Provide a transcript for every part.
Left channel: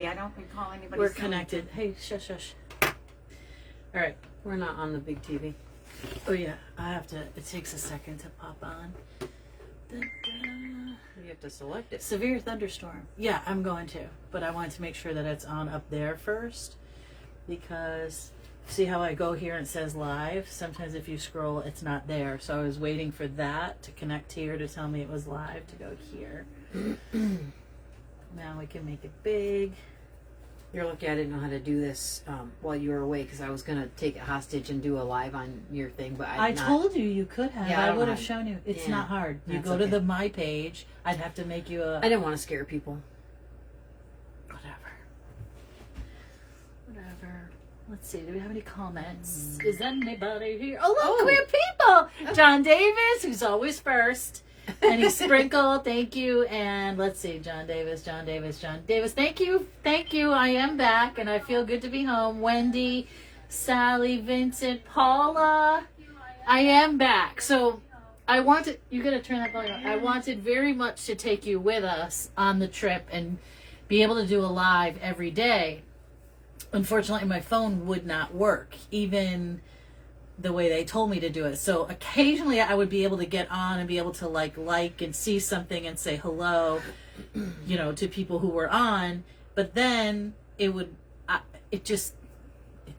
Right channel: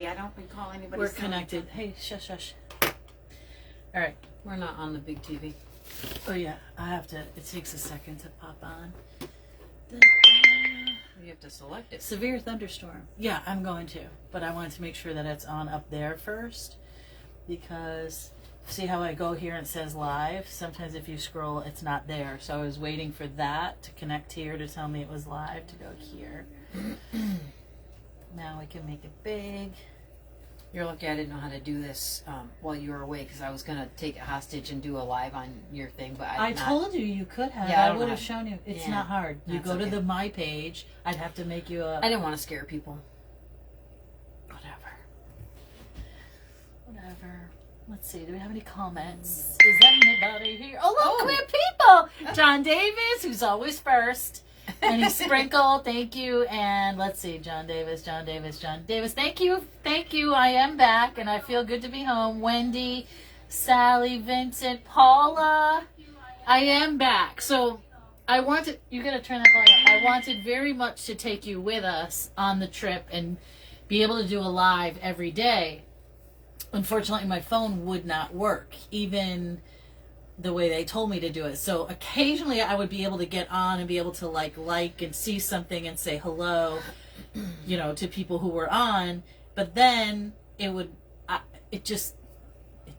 I don't recall anybody. We're connected. Hey, shush, shush. All right. We're not on the big TV. Oh, yeah. I have to. It takes a second to pop on. You have to select it. Severe thunderstorm. Yeah, I'm going to. But I wanted to make sure that it's on up there first. Because see how I go here and it says live? Sometimes if you scroll, it's not there. So I was waiting for that to connect here to tell me it was live to go here. Now we can make it big. You're lucky I didn't know how to do this while you were away, because I was going to take it hostage and do a live on your thing, but I told you you could have. Yeah, I would have shown you. It's not hard. You go to the My page. I'd have to make you a... I didn't want to scare people. Whatever. Let's see. Do we have any comments? Is anybody here? Oh, look, we have people. John Davis, who's always first. And he sprinkled. Thank you. And let's see. John Davis. Thank you. Thank you. I am back, and I feel good to be home. Wendy, Sally, Vincent, Paula. I am back. So I wanted... You got to turn that volume up. I wanted very much to take you with us on the trip and be able to do a live every day. Unfortunately, my phone would not work, even the way they told me to do it. So occasionally I would be able to get on and be able to like and see something and say hello, to people who were on. But then it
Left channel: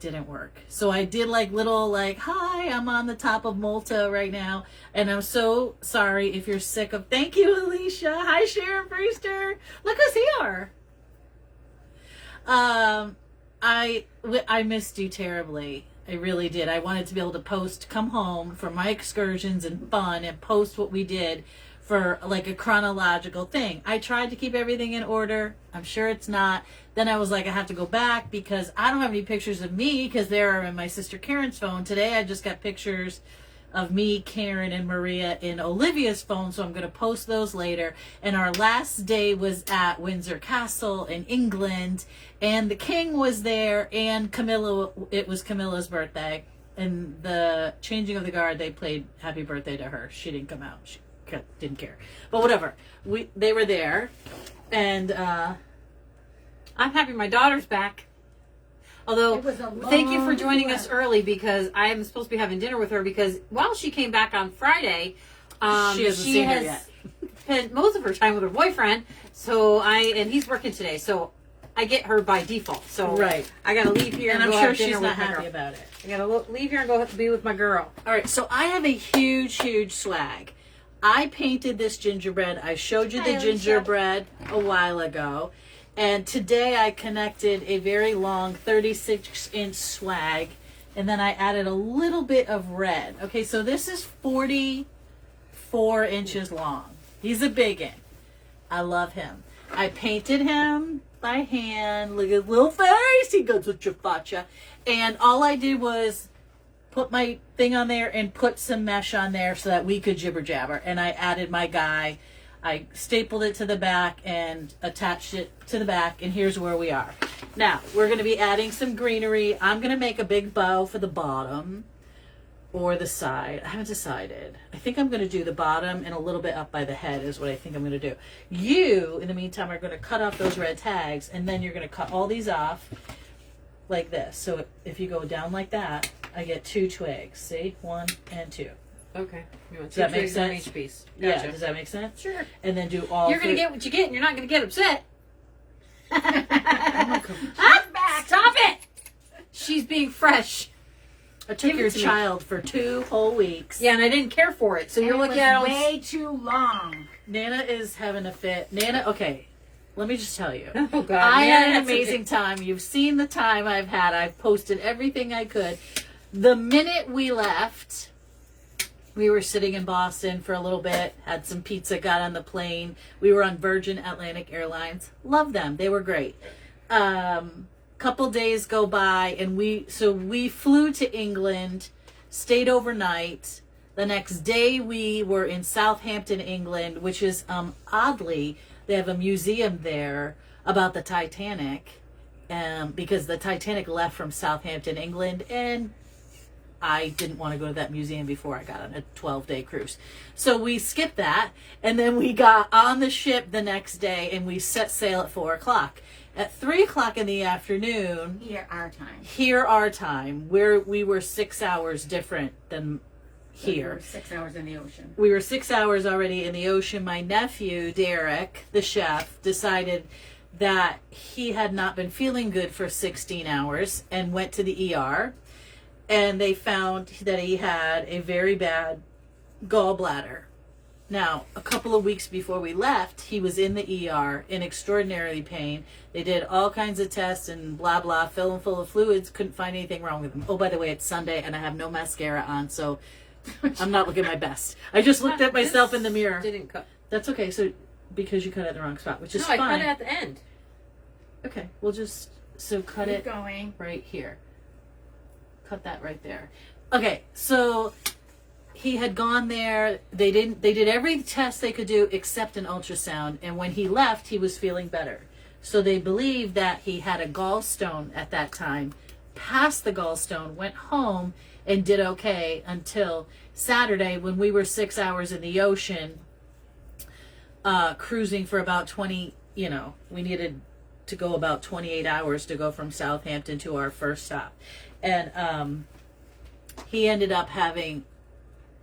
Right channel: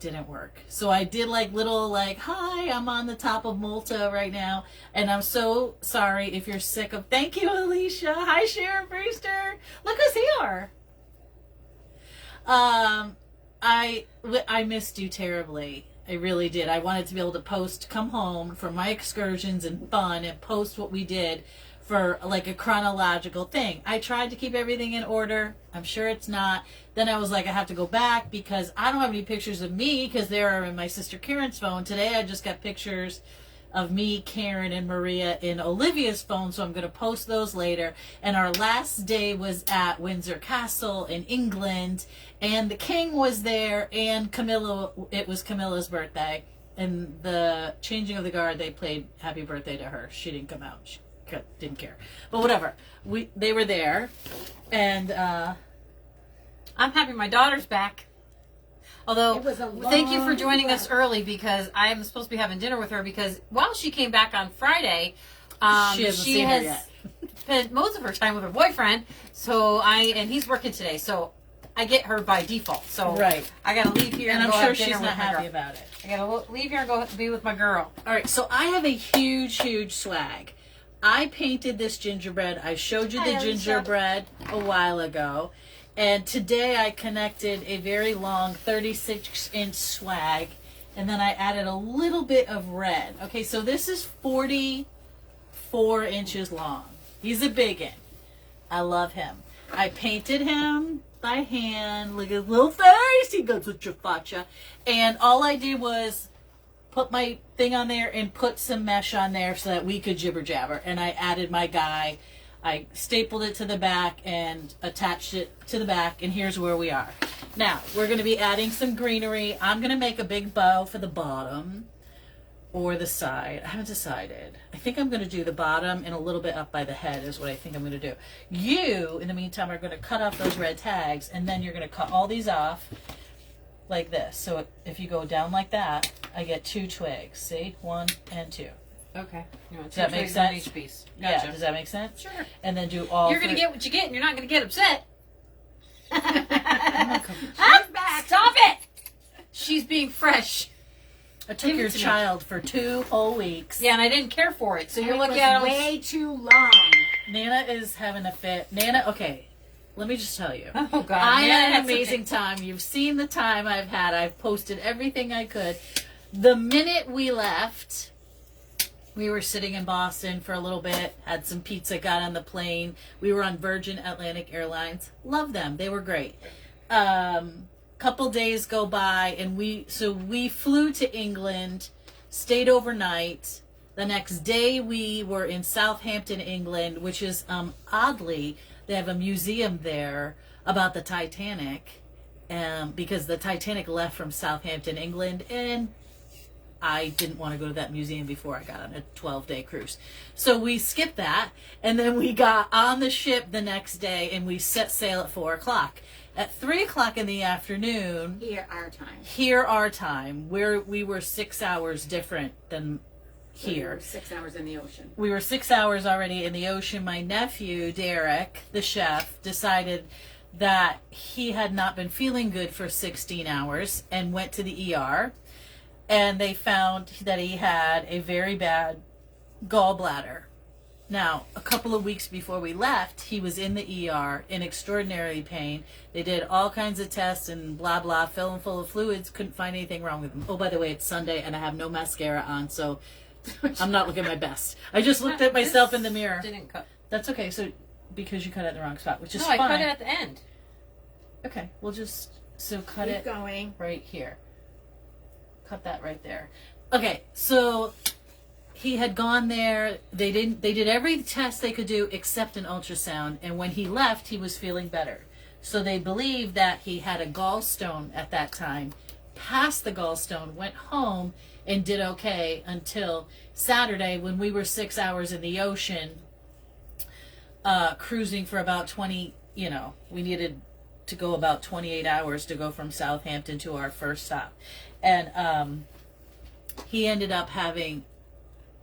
didn't work. So I did little hi, I'm on the top of Malta right now. And I'm so sorry if you're sick of... Thank you, Alicia. Hi, Sharon Brewster. Look who's here. I missed you terribly. I really did. I wanted to be able to come home from my excursions and fun and post what we did for a chronological thing. I tried to keep everything in order. I'm sure it's not. Then I was I have to go back because I don't have any pictures of me because they're in my sister Karen's phone. Today I just got pictures of me, Karen, and Maria in Olivia's phone, so I'm going to post those later. And our last day was at Windsor Castle in England, and the king was there, and it was Camilla's birthday. And the changing of the guard, they played Happy Birthday to her. She didn't come out. She didn't care. But whatever. They were there, and I'm happy my daughter's back. Although, thank you for joining us early, because I'm supposed to be having dinner with her, because while she came back on Friday, she has spent most of her time with her boyfriend, and he's working today, so I get her by default. So right. I got to leave here and I'm go sure have dinner she's with not my happy girl. about it. I got to leave here and go be with my girl. All right, so I have a huge swag. I painted this gingerbread. I showed you the gingerbread a while ago. And today I connected a very long 36-inch swag, and then I added a little bit of red. Okay, so this is 44 inches long. He's a big one. I love him. I painted him by hand. Look at his little face. He goes with your facha. And all I did was put my thing on there and put some mesh on there so that we could jibber jabber. And I added my guy. I stapled it to the back and attached it to the back, and here's where we are. Now, we're going to be adding some greenery. I'm going to make a big bow for the bottom or the side. I haven't decided. I think I'm going to do the bottom and a little bit up by the head is what I think I'm going to do. You, in the meantime, are going to cut off those red tags, and then you're going to cut all these off like this. So if you go down like that, I get 2 twigs. See? 1 and 2. Okay. Does that make sense? Each piece. Gotcha. Yeah. Does that make sense? Sure. And then do all. You're going to get what you get, and you're not going to get upset. I'm back. Stop it. She's being fresh. I took your child for 2 whole weeks. Yeah, and I didn't care for it. So and you're looking at way too long. Nana is having a fit. Nana, okay. Let me just tell you. Oh, God. I had an amazing time. You've seen the time I've had. I've posted everything I could. The minute we left, we were sitting in Boston for a little bit, had some pizza, got on the plane. We were on Virgin Atlantic Airlines. Love them. They were great. Couple days go by, and we flew to England, stayed overnight. The next day we were in Southampton, England, which is, oddly, they have a museum there about the Titanic, because the Titanic left from Southampton, England, and I didn't want to go to that museum before I got on a 12-day cruise. So we skipped that, and then we got on the ship the next day, and we set sail at 4 o'clock. At 3 o'clock in the afternoon, Here, our time. where we were 6 hours different than So here. we were 6 hours in the ocean. We were 6 hours already in the ocean. My nephew, Derek, the chef, decided that he had not been feeling good for 16 hours and went to the ER. And they found that he had a very bad gallbladder. Now, a couple of weeks before we left, he was in the ER in extraordinary pain. They did all kinds of tests and blah, blah, filled him full of fluids, couldn't find anything wrong with him. Oh, by the way, it's Sunday and I have no mascara on, so I'm not looking my best. I just looked at myself in the mirror. Didn't cut. That's okay, so because you cut at the wrong spot, which is No, fine. I cut it at the end. Okay, we'll just, so cut Keep it going. right here. Cut that right there. Okay, so he had gone there. They did every test they could do except an ultrasound, and when he left, he was feeling better. So they believe that he had a gallstone at that time, passed the gallstone, went home, and did okay until Saturday when we were 6 hours in the ocean, cruising for about 20, we needed to go about 28 hours to go from Southampton to our first stop. And he ended up having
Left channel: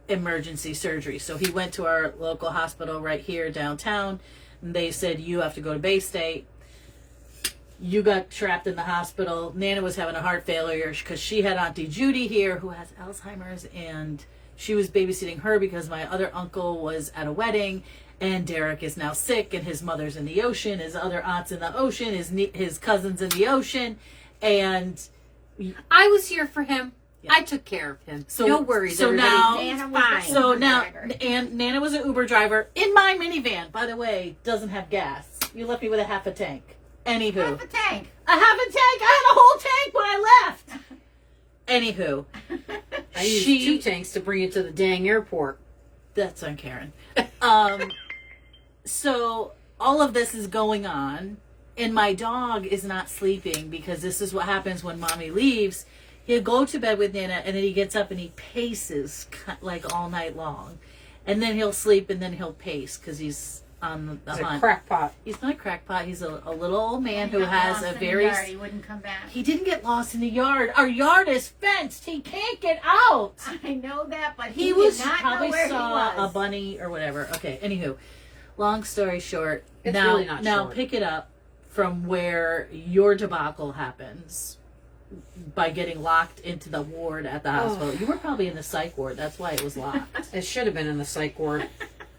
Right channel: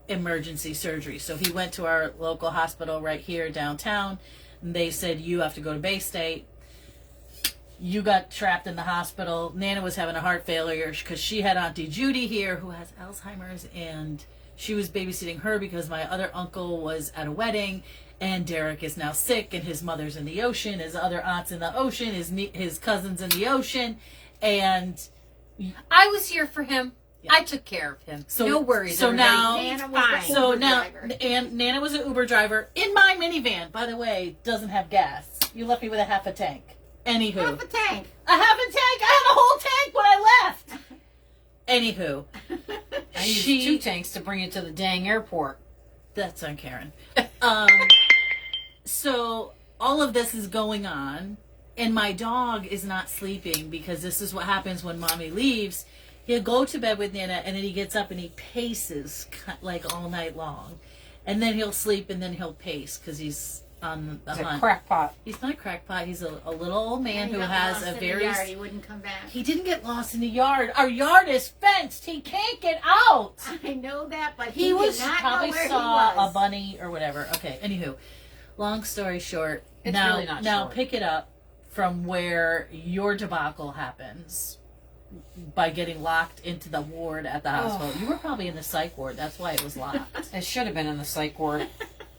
emergency surgery. So he went to our local hospital right here downtown, and they said, you have to go to Bay State. You got trapped in the hospital. Nana was having a heart failure because she had Auntie Judy here who has Alzheimer's, and she was babysitting her because my other uncle was at a wedding, and Derek is now sick, and his mother's in the ocean, his other aunt's in the ocean, his cousin's in the ocean, and I was here for him. Yeah. I took care of him. So- no worries. so everybody. now- Nana was fine. the so Uber now, driver. and Nana was an Uber driver in my minivan. By the way, doesn't have gas. You left me with a half a tank. Anywho, Half a tank. a half a tank. I had a whole tank when I left. Anywho, I used 2 tanks to bring it to the dang airport. that's on Karen. So all of this is going on, and my dog is not sleeping because this is what happens when mommy leaves. He'll go to bed with Nana, and then he gets up and he paces like all night long, and then he'll sleep, and then he'll pace because he's on the He's a hunt. crackpot. He's not a crackpot. He's a little old man He who got has lost a in the very. yard. He wouldn't come back. He didn't get lost in the yard. Our yard is fenced. He can't get out. I know that, but He did was not know probably where saw he was. a bunny or whatever. Okay, anywho, long story short, It's now really not short. pick it up from where your debacle happens by getting locked into the ward at the hospital. You were probably in the psych ward. That's why it was locked. It should have been in the psych ward.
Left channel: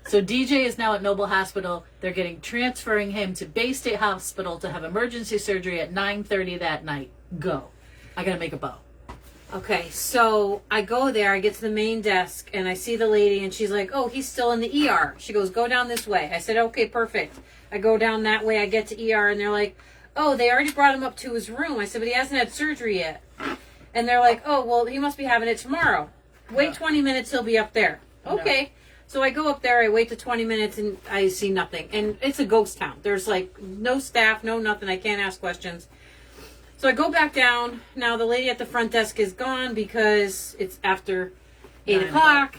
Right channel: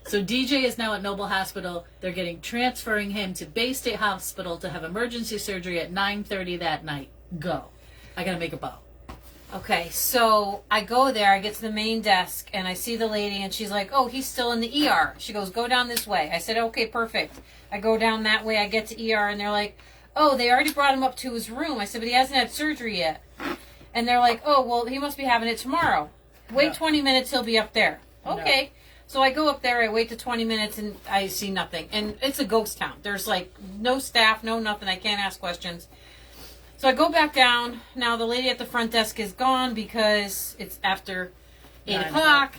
So DJ is now at Noble Hospital. They're transferring him to Bay State Hospital to have emergency surgery at 9:30 that night. Go. I gotta make a bow. Okay, so I go there, I get to the main desk, and I see the lady, and she's like, oh, he's still in the ER. She goes, go down this way. I said, okay, perfect. I go down that way, I get to ER, and they're like, oh, they already brought him up to his room. I said, but he hasn't had surgery yet. And they're like, oh, well, he must be having it tomorrow. Wait 20 minutes, he'll be up there. Okay. So I go up there, I wait to 20 minutes, and I see nothing. And it's a ghost town. There's like no staff, no nothing. I can't ask questions. So I go back down. Now the lady at the front desk is gone because it's after 8 o'clock.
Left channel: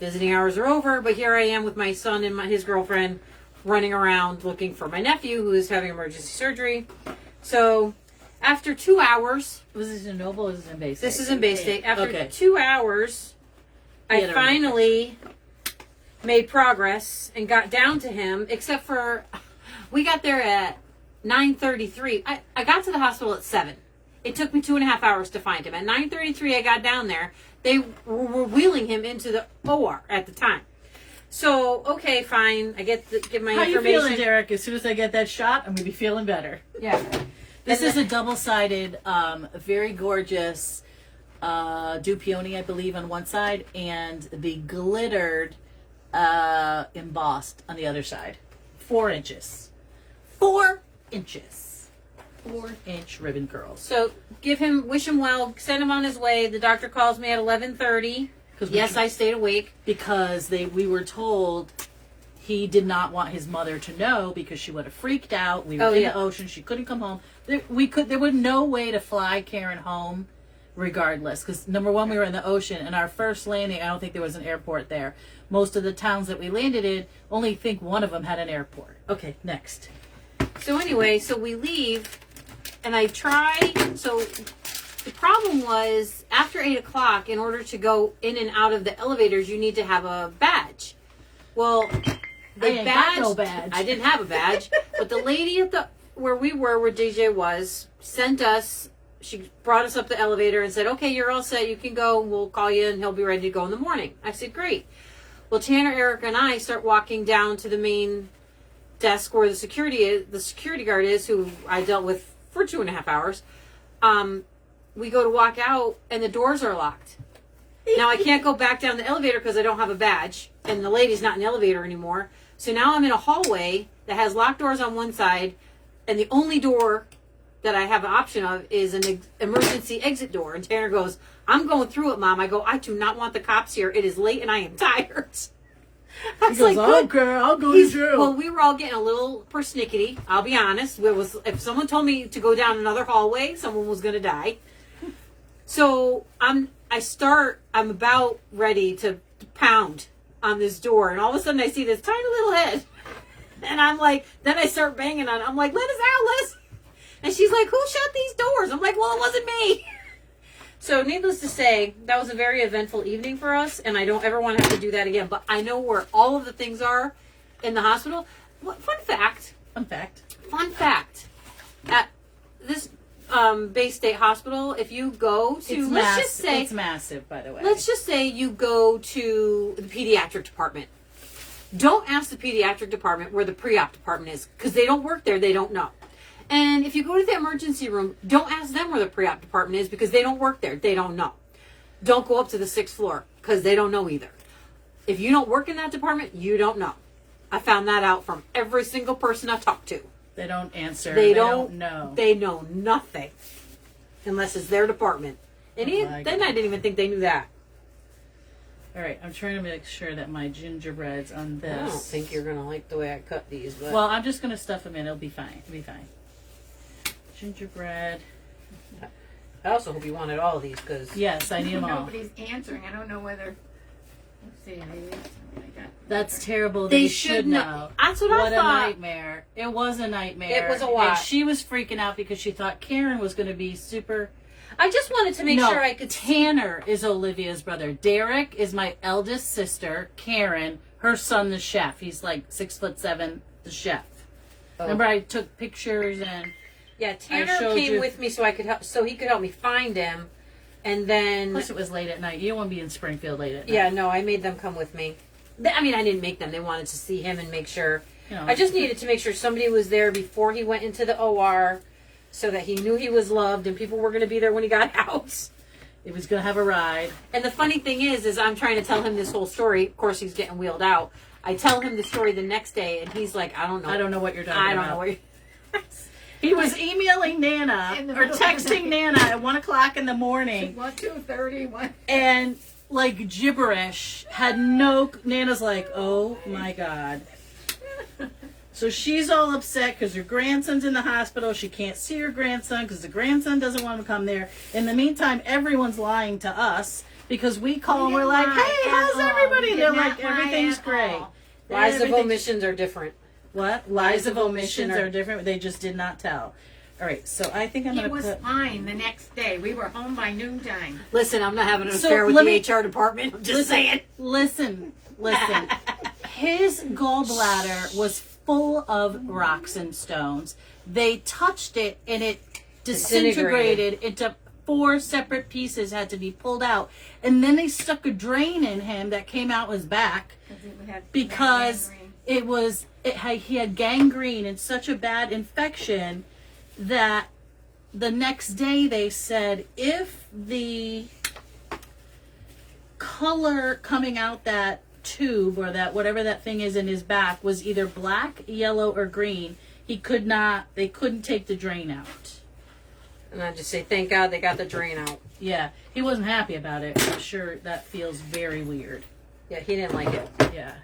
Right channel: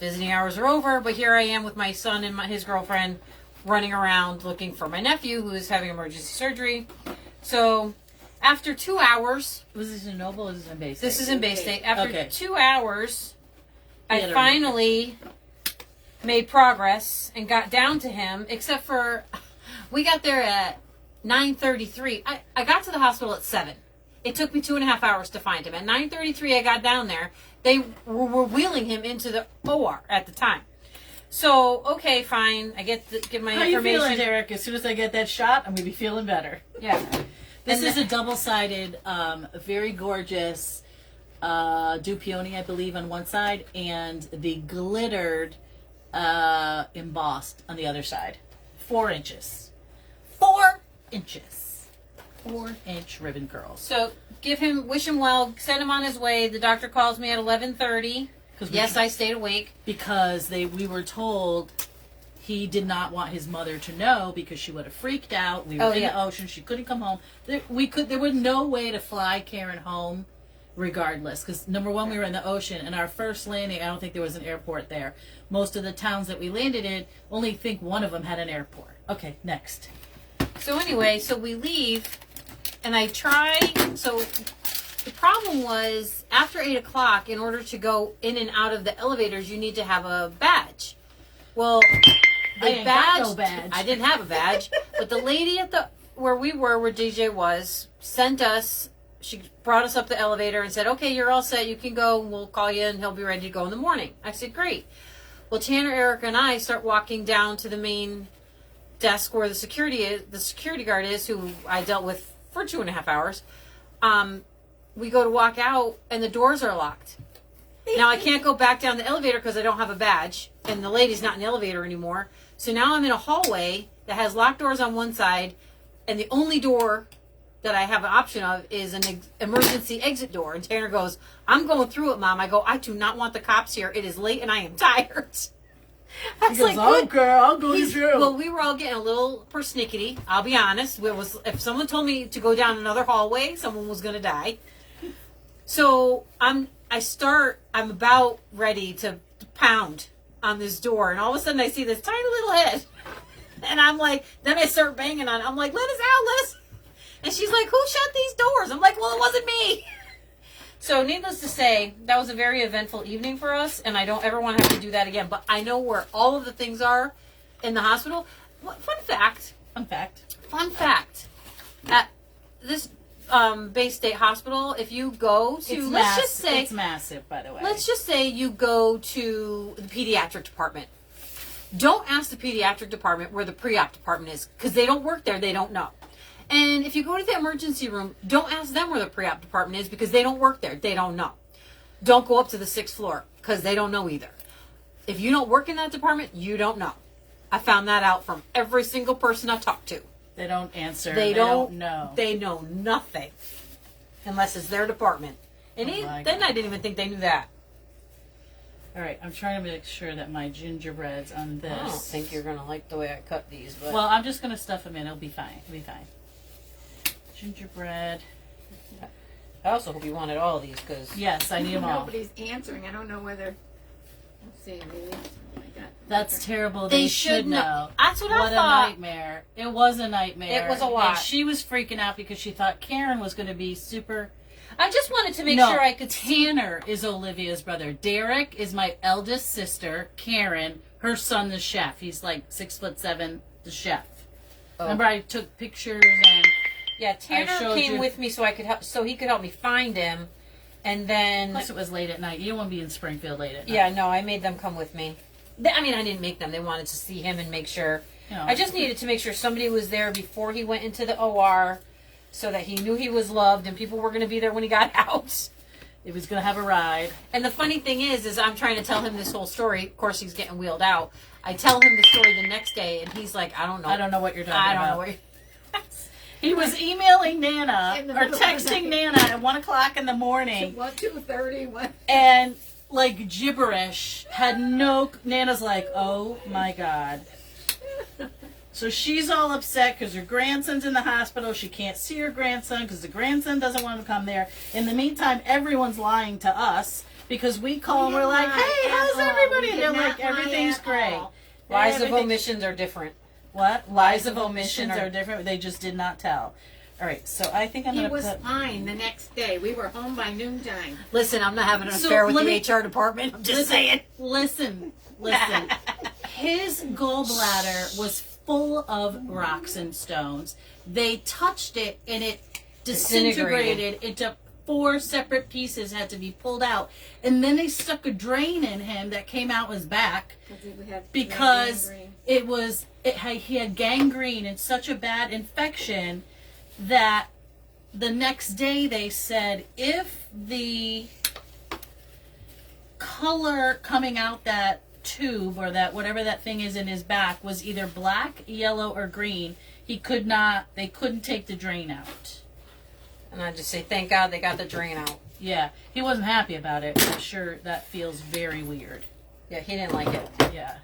Visiting hours are over, but here I am with my son and his girlfriend running around looking for my nephew who is having emergency surgery. So after 2 hours... Was this in Noble or was this in Bay State? This is in Bay State. After Okay. 2 hours, I finally made progress and got down to him, except for we got there at 9:33. I got to the hospital at 7. It took me 2.5 hours to find him. At 9:33, I got down there. They were wheeling him into the OR at the time. So, okay, fine. I get my How you information. feeling, Derek? As soon as I get that shot, I'm going to be feeling better. Yeah. This is a double-sided, very gorgeous dew peony, I believe, on one side, and the glittered embossed on the other side. 4 inches. 4 inches. 4-inch ribbon curls. So, wish him well, send him on his way. The doctor calls me at 11:30. Yes, I stayed awake. Because we were told he did not want his mother to know because she would have freaked out. We were in the ocean. She couldn't come home. There was no way to fly Karen home regardless. Because number one, we were in the ocean, and our first landing, I don't think there was an airport there. Most of the towns that we landed in, only think one of them had an airport. Okay, next. So anyway, so we leave, and I try. So the problem was after 8 o'clock, in order to go in and out of the elevators, you need to have a badge. Well, I ain't got no badge. I didn't have a badge, but the lady at the where DJ was, sent us. She brought us up the elevator and said, "Okay, you're all set. You can go. We'll call you, and he'll be ready to go in the morning." I said, "Great." Well, Tanner, Eric, and I start walking down to the main desk where the security guard is, who I dealt with for 2.5 hours. We go to walk out, and the doors are locked. Now I can't go back down the elevator because I don't have a badge, and the lady's not in the elevator anymore. So now I'm in a hallway that has locked doors on one side, and the only door that I have an option of is an emergency exit door. And Tanner goes, "I'm going through it, Mom." I go, "I do not want the cops here. It is late and I am tired." I was like, "Oh, girl, I'll go through." Well, we were all getting a little persnickety. I'll be honest. If someone told me to go down another hallway, someone was going to die. So I'm about ready to pound on this door, and all of a sudden I see this tiny little head, and I'm like, then I start banging on it. I'm like, "Let us out, let us." And she's like, "Who shut these doors?" I'm like, "Well, it wasn't me." So needless to say, that was a very eventful evening for us, and I don't ever want to have to do that again. But I know where all of the things are in the hospital. Fun fact. At this Bay State Hospital, if you go to, it's massive, by the way. Let's just say you go to the pediatric department. Don't ask the pediatric department where the pre-op department is, because they don't work there. They don't know. And if you go to the emergency room, don't ask them where the pre-op department is, because they don't work there. They don't know. Don't go up to the 6th floor, because they don't know either. If you don't work in that department, you don't know. I found that out from every single person I talked to. They don't answer. They don't know. They know nothing unless it's their department. And then I didn't even think they knew that. All right, I'm trying to make sure that my gingerbread's on this. I don't think you're going to like the way I cut these. But well, I'm just going to stuff them in. It'll be fine. Gingerbread. I also hope you wanted all of these, because yes, I need them all. Nobody's answering. I don't know whether. Let's see. Maybe I got. That's terrible. They should know. That's what I thought. What a nightmare. It was a nightmare. It was a lot. And she was freaking out because she thought Karen was going to be super. I just wanted to make sure I could. Tanner is Olivia's brother. Derek is my eldest sister. Karen, her son, the chef. He's like 6'7", the chef. Oh. Remember, I took pictures and. Yeah, Tanner came with me so he could help me find him, and then. Plus, it was late at night. You don't want to be in Springfield late at night. Yeah, no, I made them come with me. I mean, I didn't make them. They wanted to see him and make sure. I just needed to make sure somebody was there before he went into the OR, so that he knew he was loved and people were going to be there when he got out. He was going to have a ride. And the funny thing is I'm trying to tell him this whole story. Of course, he's getting wheeled out. I tell him the story the next day, and he's like, "I don't know. I don't know what you're talking about. I don't know what you're." He was emailing Nana or texting Nana at 1 o'clock in the morning. 2:30. What? And like gibberish. Nana's like, "Oh my God." So she's all upset because her grandson's in the hospital. She can't see her grandson because the grandson doesn't want to come there. In the meantime, everyone's lying to us because we call and we're like, "Hey, how's everybody?" And they're like, "Everything's great." Lies of omissions are different. What? Lies of omissions are different. They just did not tell. All right, so I think I'm going to put... He was fine the next day. We were home by noontime. Listen, I'm not having an affair with the HR department. I'm just saying. Listen. His gallbladder was full of rocks and stones. They touched it, and it disintegrated into 4 separate pieces, had to be pulled out. And then they stuck a drain in him that came out his back because he had gangrene and such a bad infection that the next day they said if the color coming out that tube or that whatever that thing is in his back was either black, yellow, or green, they couldn't take the drain out. And I just say, thank God they got the drain out. Yeah, he wasn't happy about it. I'm sure that feels very weird. Yeah, he didn't like it. Yeah.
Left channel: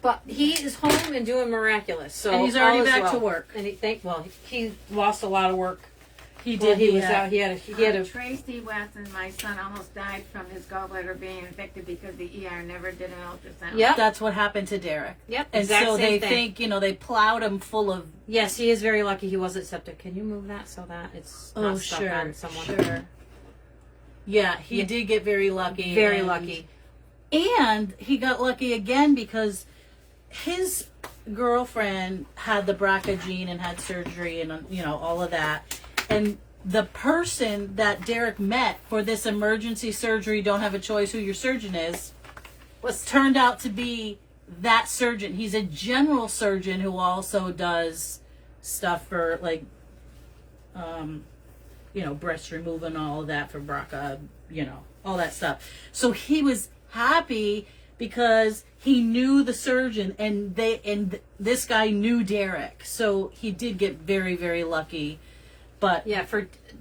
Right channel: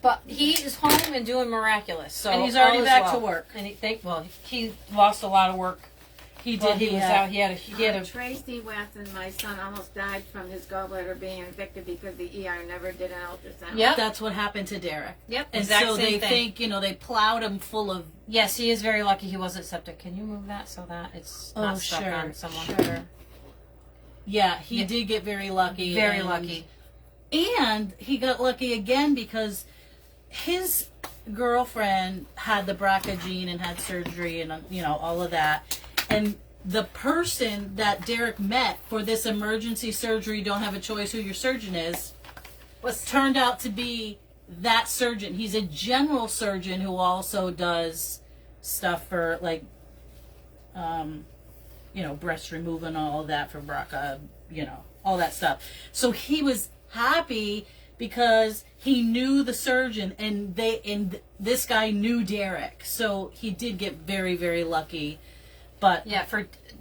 But he is home and doing miraculous. So and he's already back to work. And he lost a lot of work He Well, did. he was had- out. He had a. Tracy West and my son almost died from his gallbladder being infected because the ER never did an ultrasound. Yep. That's what happened to Derek. Yep. And Exact so same they thing. think, they plowed him full of. Yes, he is very lucky he wasn't septic. Can you move that so that it's not stuck on someone? Sure. Yeah, he did get very lucky. Very lucky. And he got lucky again because his girlfriend had the BRCA gene and had surgery and, all of that. And the person that Derek met for this emergency surgery, don't have a choice who your surgeon is, turned out to be that surgeon. He's a general surgeon who also does stuff for, like, breast removal and all of that for BRCA, all that stuff. So he was happy because he knew the surgeon and this guy knew Derek. So he did get very, very lucky. But Yeah,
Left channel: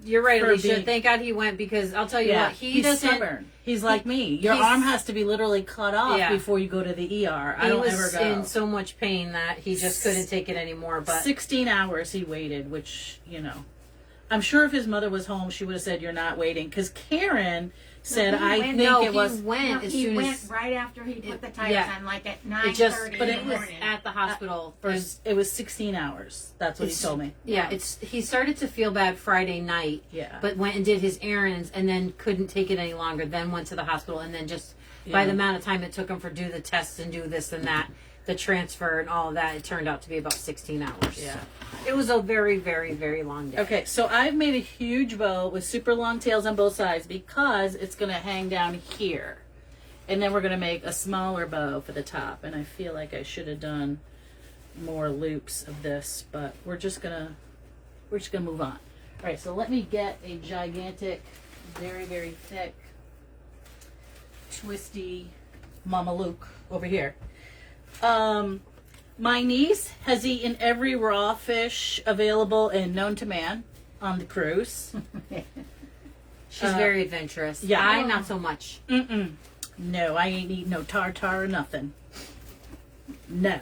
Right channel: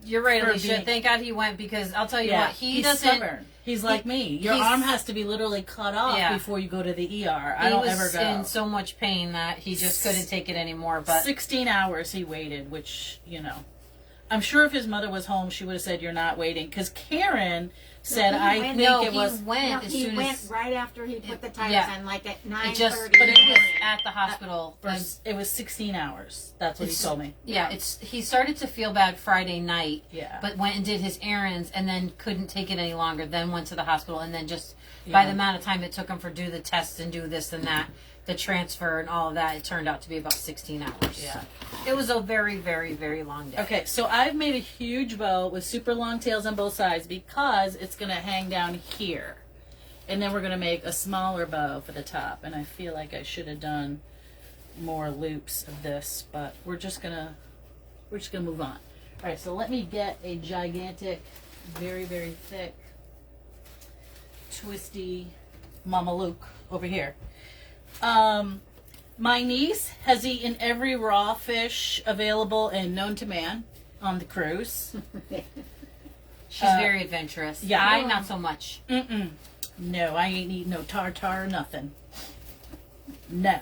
you're right, Alicia. being- Thank God he went because I'll tell you what, he's doesn't. stubborn. He's like me. Your he's- arm has to be literally cut off Yeah. before you go to the ER. I He don't was ever go. in so much pain that he just couldn't take it anymore. But 16 hours he waited, which, I'm sure if his mother was home, she would have said, "You're not waiting." Because Karen said, he went- no, it he was. went No, as he soon went as right after he put the tires yeah. on, like at it 9:30. just. But it in the was morning. at the hospital. It was 16 hours. That's what he told me. Yeah, he started to feel bad Friday night. Yeah. But went and did his errands and then couldn't take it any longer. Then went to the hospital and then just by the amount of time it took him for do the tests and do this and that, the transfer and all of that, it turned out to be about 16 hours. Yeah. So it was a very, very, very long day. Okay, so I've made a huge bow with super long tails on both sides because it's going to hang down here. And then we're going to make a smaller bow for the top. And I feel like I should have done more loops of this, but we're just going to move on. All right, so let me get a gigantic, very, very thick, twisty Mama Luke over here. My niece has eaten every raw fish available and known to man on the cruise. She's very adventurous. yeah. I not so much. No, I ain't eating no tartar or nothing. No.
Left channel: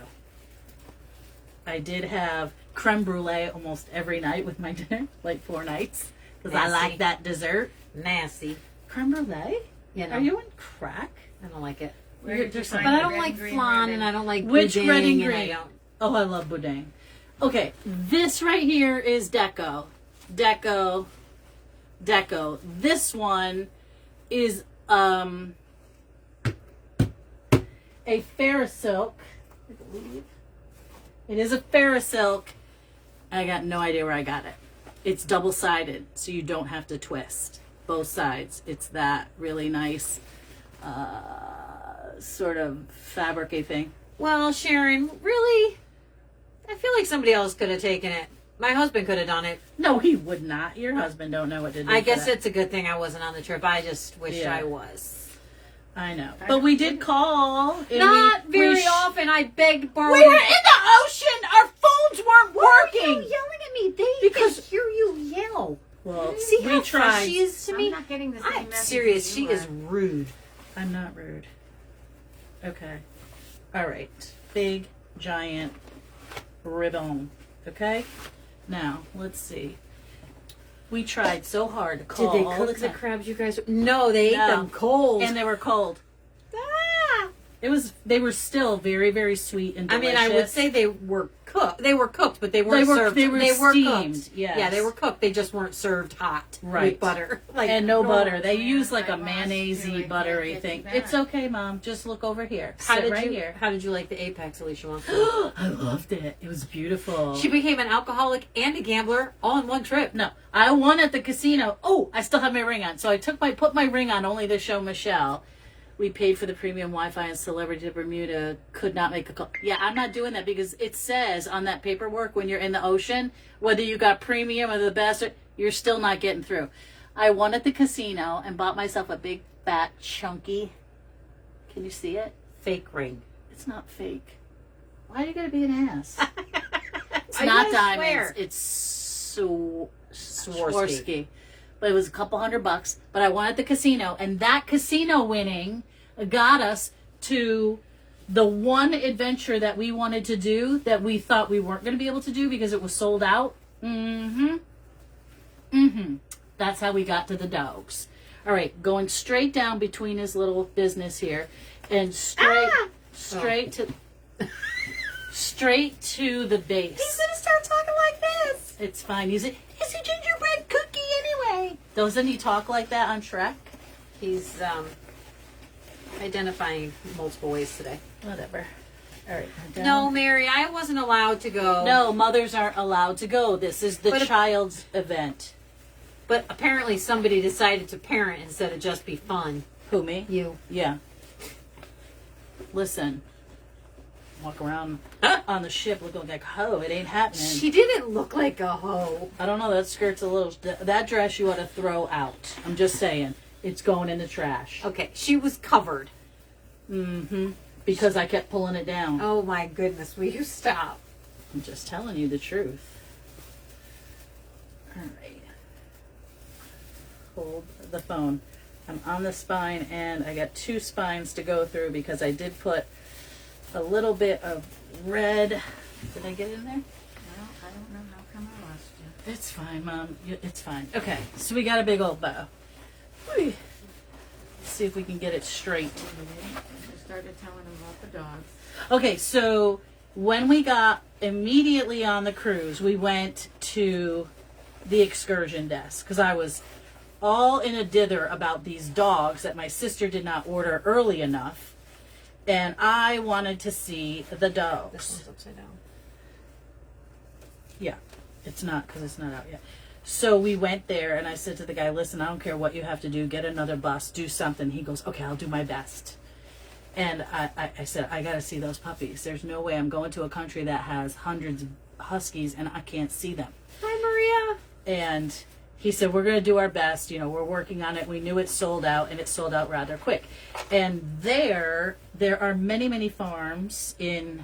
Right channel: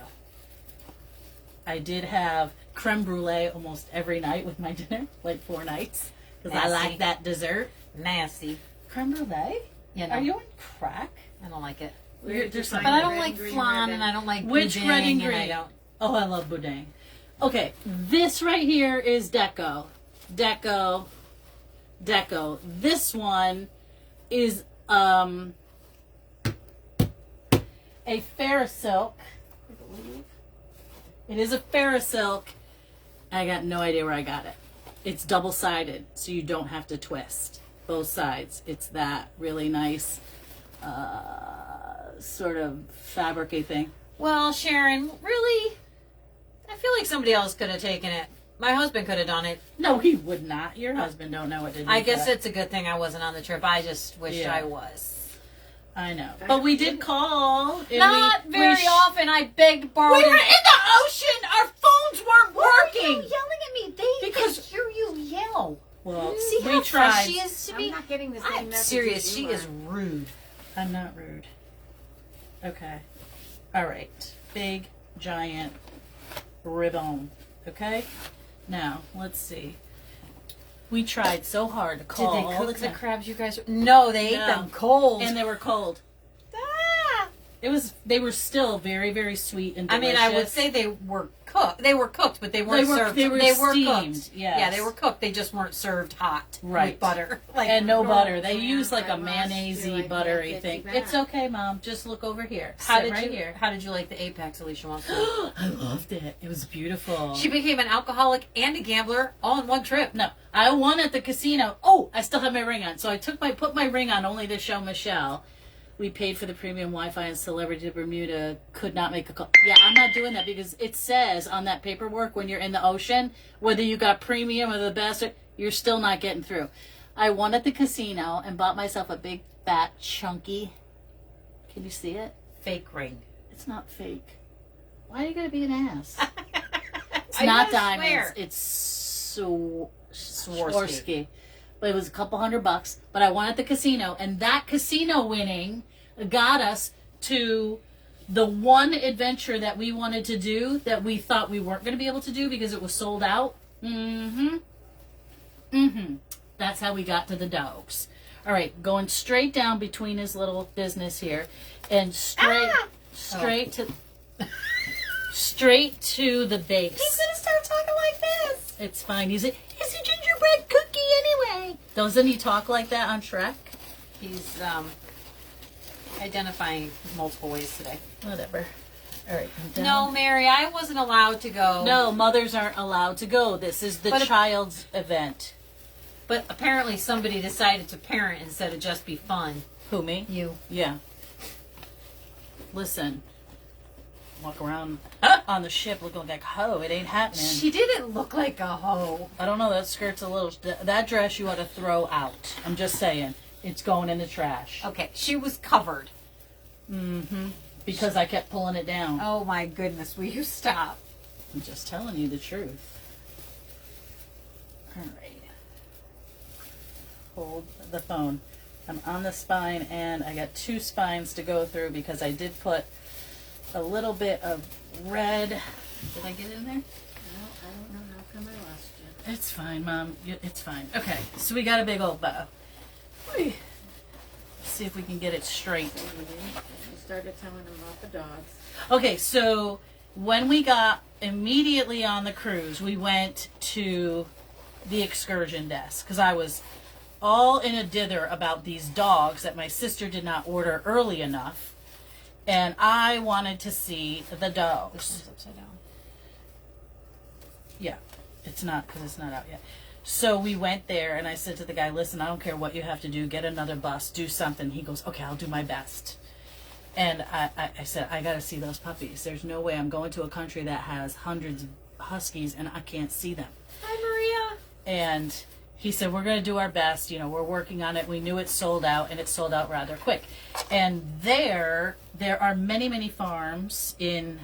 I did have creme brulee almost every night with my dinner, like 4 nights, because I like that dessert. Nasty. Creme brulee? You know. Are you on crack? I don't like it. Where did you There's find But the I don't red like and green flan ribbon? and I don't like Which boudin red and I green? don't. Oh, I love boudin. Okay, this right here is Deco. Deco. This one is a Ferrosilk. I believe. It is a Ferrosilk. I got no idea where I got it. It's double-sided, so you don't have to twist both sides. It's that really nice sort of fabric-y thing. Well, Sharon, really? I feel like somebody else could have taken it. My husband could have done it. No, he would not. Your husband don't know what to do. I for guess that. it's a good thing I wasn't on the trip. I just wish Yeah. I was. I know. But we did call. and Not very often. I begged, borrowed. We were in the ocean. Our phones weren't working. yelling at me? They Because- can hear you yell. Well, See we how tried. fast she is to I'm me? not getting the same I'm message. serious. as She you is are. rude. I'm not rude. Okay. All right. Big, giant ribbon. Okay. Now, let's see. We tried so hard to Did call they all cook the the time. crabs you guys? No, they ate No. them cold. And they were cold. Ah! They were still very, very sweet and I delicious. mean, I would say they were cooked. They were cooked, but they weren't served. They were steamed. cooked. Yes. Yeah, they were cooked. They just weren't served hot Right. with butter. Like And no normal. butter. They Yeah, use like a I lost you. I mayonnaise-y, can't buttery get thing. you back. It's okay, Mom. Just look over here. How Sit did right you? here. How did you like the Apex, Alicia? Wants to. I loved it. It was beautiful. She became an alcoholic and a gambler all in one trip. No, I won at the casino. Oh, I still have my ring on. So I put my ring on only to show Michelle. We paid for the premium Wi-Fi and Celebrity Bermuda could not make a call. Yeah, I'm not doing that because it says on that paperwork when you're in the ocean, whether you got premium or the best, you're still not getting through. I won at the casino and bought myself a big, fat, chunky. Can you see it? Fake ring. It's not fake. Why are you going to be an ass? It's I not wanna diamonds. swear. It's Swarovski. Swarovski. But it was a couple $100. But I won at the casino, and that casino winning got us to the one adventure that we wanted to do that we thought we weren't going to be able to do because it was sold out. And That's how we got to the dogs. All right, going straight down between his little business here, and straight to the base. He's gonna start talking like this. It's fine. He's a gingerbread cookie anyway. Doesn't he talk like that on Shrek? He's identifying multiple ways today. Whatever. All right. I'm down. No, Mary, I wasn't allowed to go. No, mothers aren't allowed to go. This is the child's event. But apparently somebody decided to parent instead of just be fun. Who, me? You. Yeah. Listen. Walk around on the ship looking like a hoe. It ain't happening. She didn't look like a hoe. I don't know. That skirt's a little... That dress you ought to throw out. I'm just saying. It's going in the trash. Okay, she was covered. Mm-hmm. Because I kept pulling it down. Oh my goodness, will you stop? I'm just telling you the truth. All right. Hold the phone. I'm on the spine, and I got 2 spines to go through because I did put a little bit of red. Did I get it in there? No, I don't know. How come I lost you? It's fine, Mom. It's fine. Okay, so we got a big old bow. Let's see if we can get it straight. You started telling them about the dogs. Okay, so when we got immediately on the cruise, we went to the excursion desk because I was all in a dither about these dogs that my sister did not order early enough, and I wanted to see the This dogs. one's upside down. Yeah, it's not because it's not out yet. So we went there, and I said to the guy, listen, I don't care what you have to do. Get another bus. Do something. He goes, okay, I'll do my best. And I said, I got to see those puppies. There's no way I'm going to a country that has hundreds of huskies, and I can't see them. Hi, Maria. And he said, we're going to do our best. You know, we're working on it. We knew it sold out, and it sold out rather quick. And there are many, many farms in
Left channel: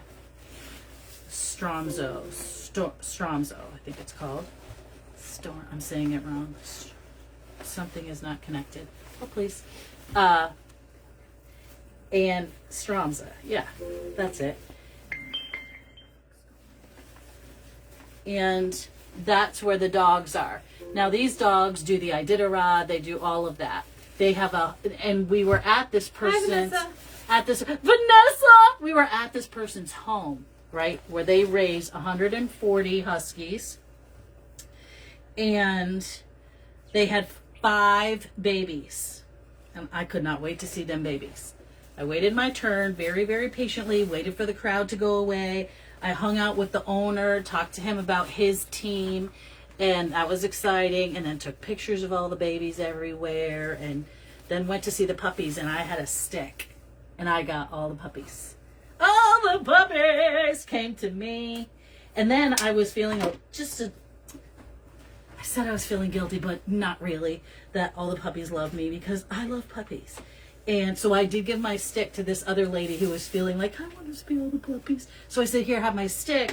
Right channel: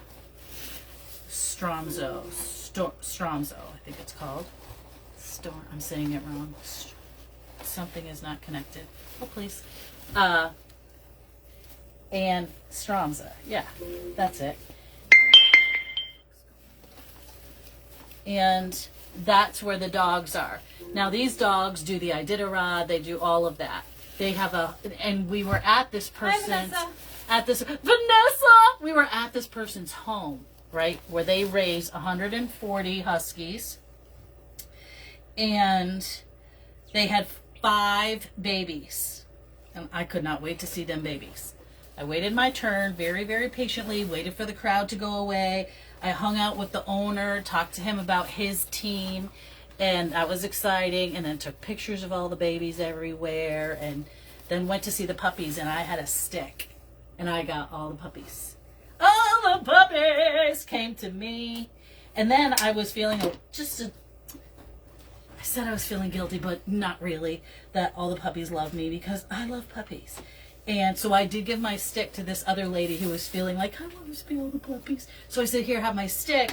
Stromso, I think it's called. I'm saying it wrong. Something is not connected. Oh, please. And Stromsa. Yeah, that's it. And that's where the dogs are. Now, these dogs do the Iditarod. They do all of that. They have and we were at this person's... Hi, Vanessa. Vanessa! We were at this person's home, right? Where they raise 140 huskies. And they had 5 babies. And I could not wait to see them babies. I waited my turn very, very patiently, waited for the crowd to go away. I hung out with the owner, talked to him about his team, and that was exciting. And then took pictures of all the babies everywhere, and then went to see the puppies, and I had a stick, and I got all the puppies. All the puppies came to me. And then I was feeling I said I was feeling guilty, but not really, that all the puppies love me because I love puppies. And so I did give my stick to this other lady who was feeling like, I want to see all the puppies. So I said, here, have my stick.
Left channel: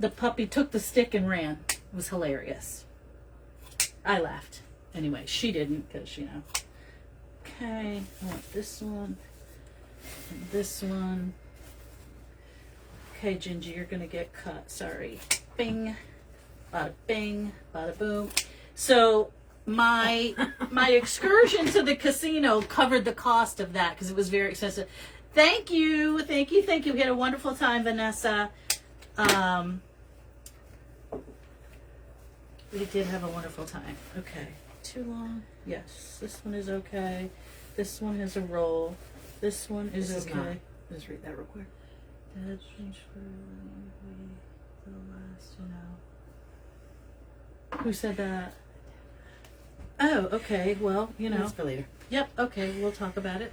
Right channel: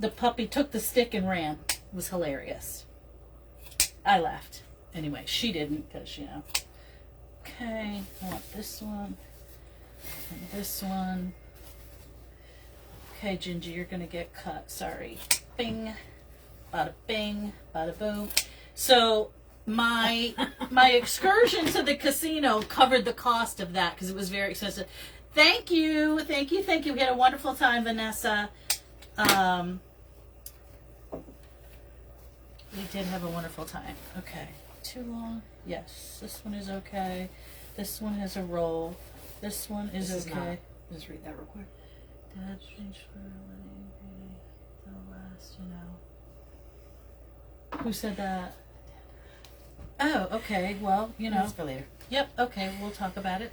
The puppy took the stick and ran. It was hilarious. I laughed. Anyway, she didn't because, you know. Okay, I want this one. And this one. Okay, Gingy, you're going to get cut. Sorry. Bing. Bada bing, bada boom. So my excursion to the casino covered the cost of that because it was very expensive. Thank you. We had a wonderful time, Vanessa. We did have a wonderful time. Okay, too long. Yes, this one is okay. This one has a roll. This one is This is okay. not. Let's read that real quick. Dad changed for the last, you know. Who said that? Oh, okay. Well, you know. That's for later. Yep. Okay. We'll talk about it.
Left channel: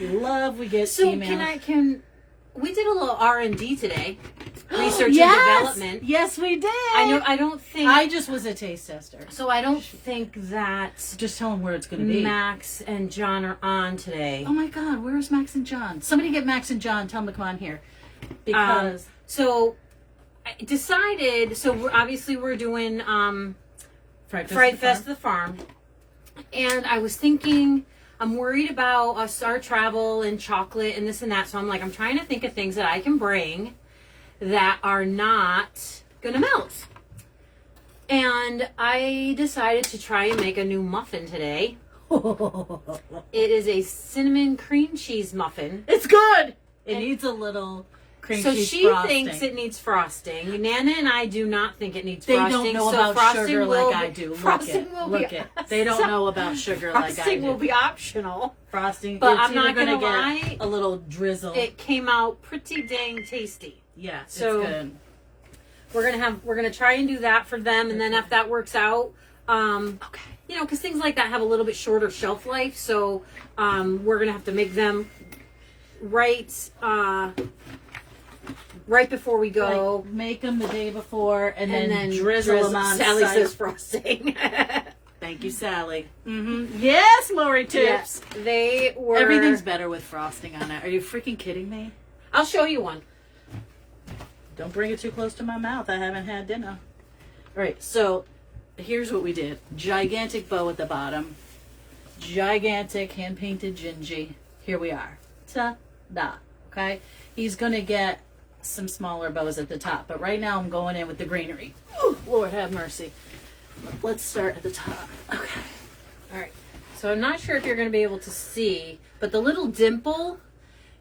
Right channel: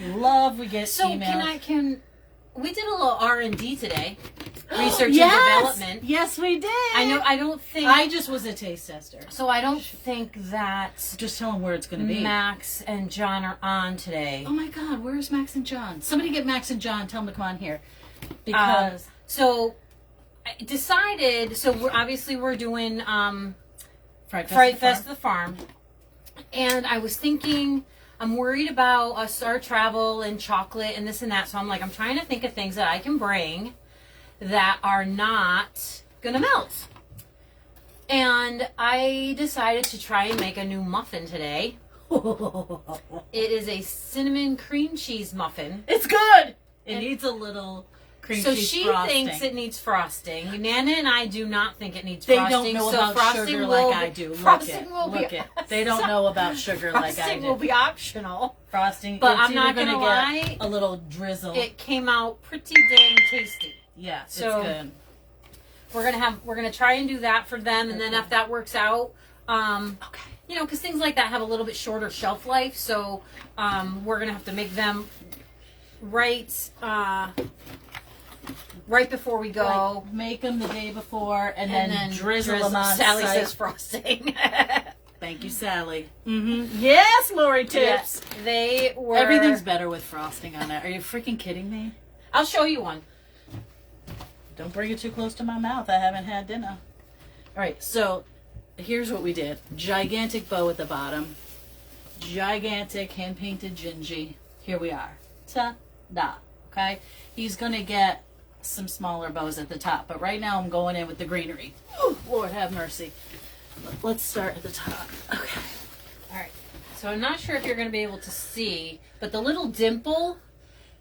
Love. We get So email. we did a little R&D today. Research Yes! and development. Yes, we did. I don't think... I just was a taste tester. So I don't think that Just tell them where it's going to be. Max and John are on today. Oh my God, where's Max and John? Somebody get Max and John. Tell them to come on here. Because So I decided, we're doing Fright Fest at the Farm. And I was thinking, I'm worried about our travel and chocolate and this and that. So I'm like, I'm trying to think of things that I can bring that are not going to melt. And And I decided to try and make a new muffin today. It is a cinnamon cream cheese muffin. It's good. It needs a little cream So cheese she frosting. thinks it needs frosting. Nana and I do not think it needs They frosting. don't know so about frosting sugar will like I be- do. Frosting will Look be it. They don't know about sugar like I frosting do. will be optional. Frosting, But it's I'm not either gonna gonna lie, get a little drizzle. It came out pretty dang tasty. Yeah, So- it's good. We're gonna try and do that for them, and then if that works out, Okay. you know, because things like that have a little bit shorter shelf life, so we're gonna have to make them right before we go, Like, make them the day before and and then drizzle them on Sally site. says frosting. Thank you, Sally. Mm-hmm. Yes, Lori Tips. Yes, they were. Everything's better with frosting on that. Are you freaking kidding me? I'll show you one. Don't bring it too close to my mouth. I haven't had dinner. All right, so here's what we did. Gigantic bow at the bottom. Gigantic hand-painted Gingy. Here we are. Ta-da. Okay? He's going to get some smaller bows at the top. But right now I'm going in with the greenery. Ooh, Lord have mercy. Let's start at the top. Okay. All right. So I'm not sure if you're going to be able to see, but the little dimple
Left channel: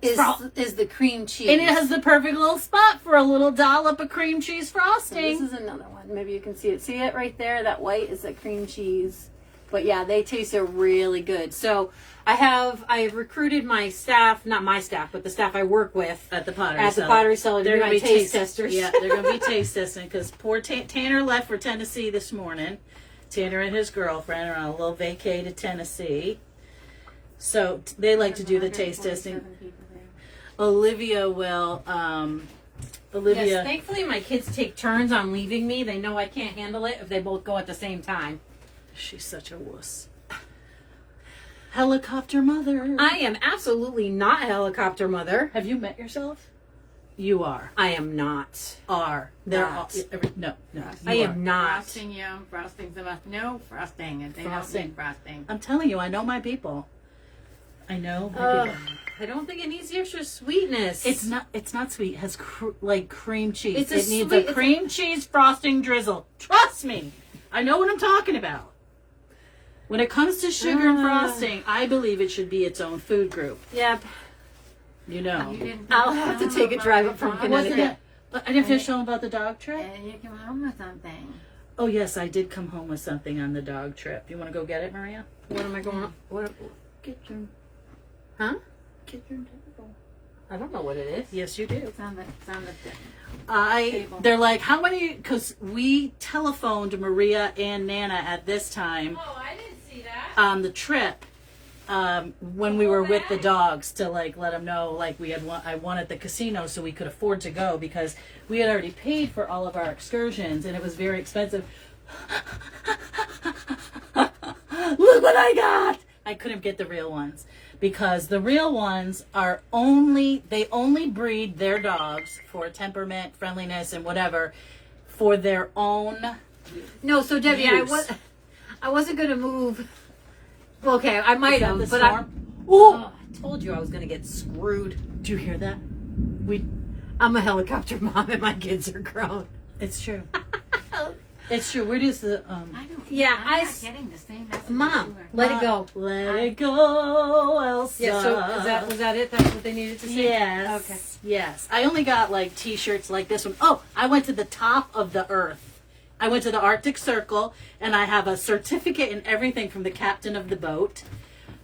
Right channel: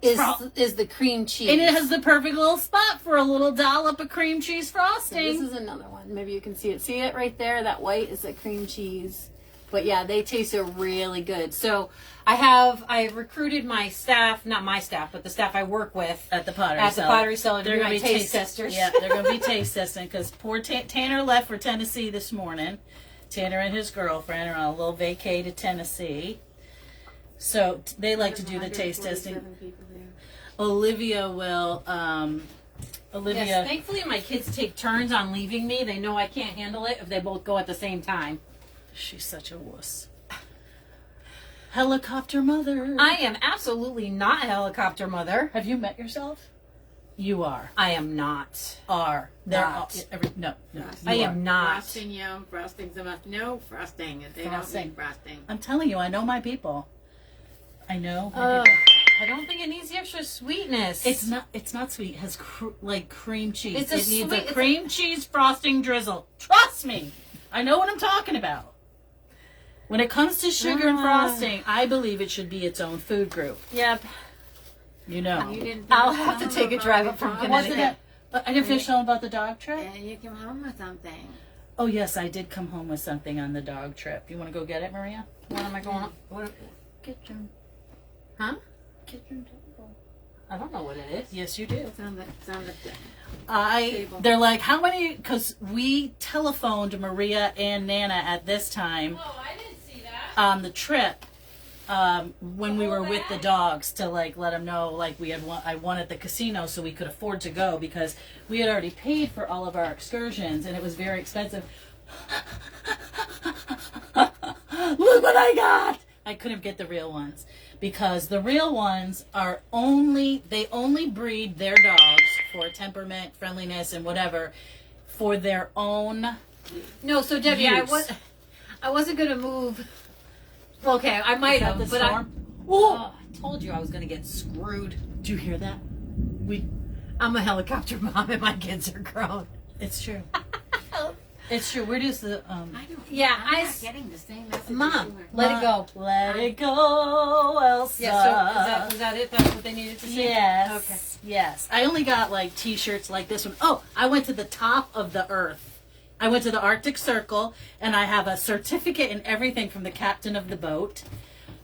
is the cream cheese. And it has the perfect little spot for a little dollop of cream cheese So frosting. this is another one. Maybe you can see it. See it right there? That white is the cream cheese. But yeah, they taste really good. So I recruited my staff, not my staff, but the staff I work with At the pottery at the cellar. pottery cellar to be my taste testers. Yeah, they're going to be taste testing because poor Tanner left for Tennessee this morning. Tanner and his girlfriend are on a little vacay to Tennessee. So they like to do the taste testing. 147 people there. Olivia will, Olivia, Yes, thankfully my kids take turns on leaving me. They know I can't handle it if they both go at the same time. she's such a wuss. Helicopter mother. I am absolutely not a helicopter mother. Have you met yourself? You are. I am not. Are. There Not. are. No. I you am are. not. Frosting, yum. Frosting's a must. No frosting. They don't Frosting. need frosting. I'm telling you, I know my people. I know my Ugh, people. I don't think it needs the extra sweetness. It's not sweet. It has like cream cheese. It's a It needs sweet- a cream cheese frosting drizzle. Trust me. I know what I'm talking about. When it comes to sugar and frosting, I believe it should be its own food group. Yep. You know. You didn't I'll finish have to telling take a about drive the up from dog, Connecticut. Wasn't it? I didn't finish telling about the dog trip. And you came home with something. Oh yes, I did come home with something on the dog trip. You want to go get it, Maria? What am I going on? What? Kitchen. Huh? Kitchen table. I don't know what it is. Yes, you do. It's on the table. They're like, how many? Because we telephoned Maria and Nana at this time Oh, I didn't see that. on the trip when we were with the dogs to like let them know like I wanted the casino so we could afford to go because we had already paid for all of our excursions and it was very expensive. Look what I got! I couldn't get the real ones because the real ones are they only breed their dogs for temperament, friendliness, and whatever for their own. No, so Debbie, Use. I wasn't gonna move. Okay, I might Is that have, the but storm? oh, I told you I was gonna get screwed. Do you hear that? I'm a helicopter mom, and my kids are grown. It's true. It's true. Where does the I don't. Yeah, I'm not getting the same message. Mom, as you were. let it go. Let it go, Elsa. Yeah. So was that it? That's what they needed to say. Yes. Okay. Yes. I only got like T-shirts like this one. Oh, I went to the top of the earth. I went to the Arctic Circle, and I have a certificate and everything from the captain of the boat.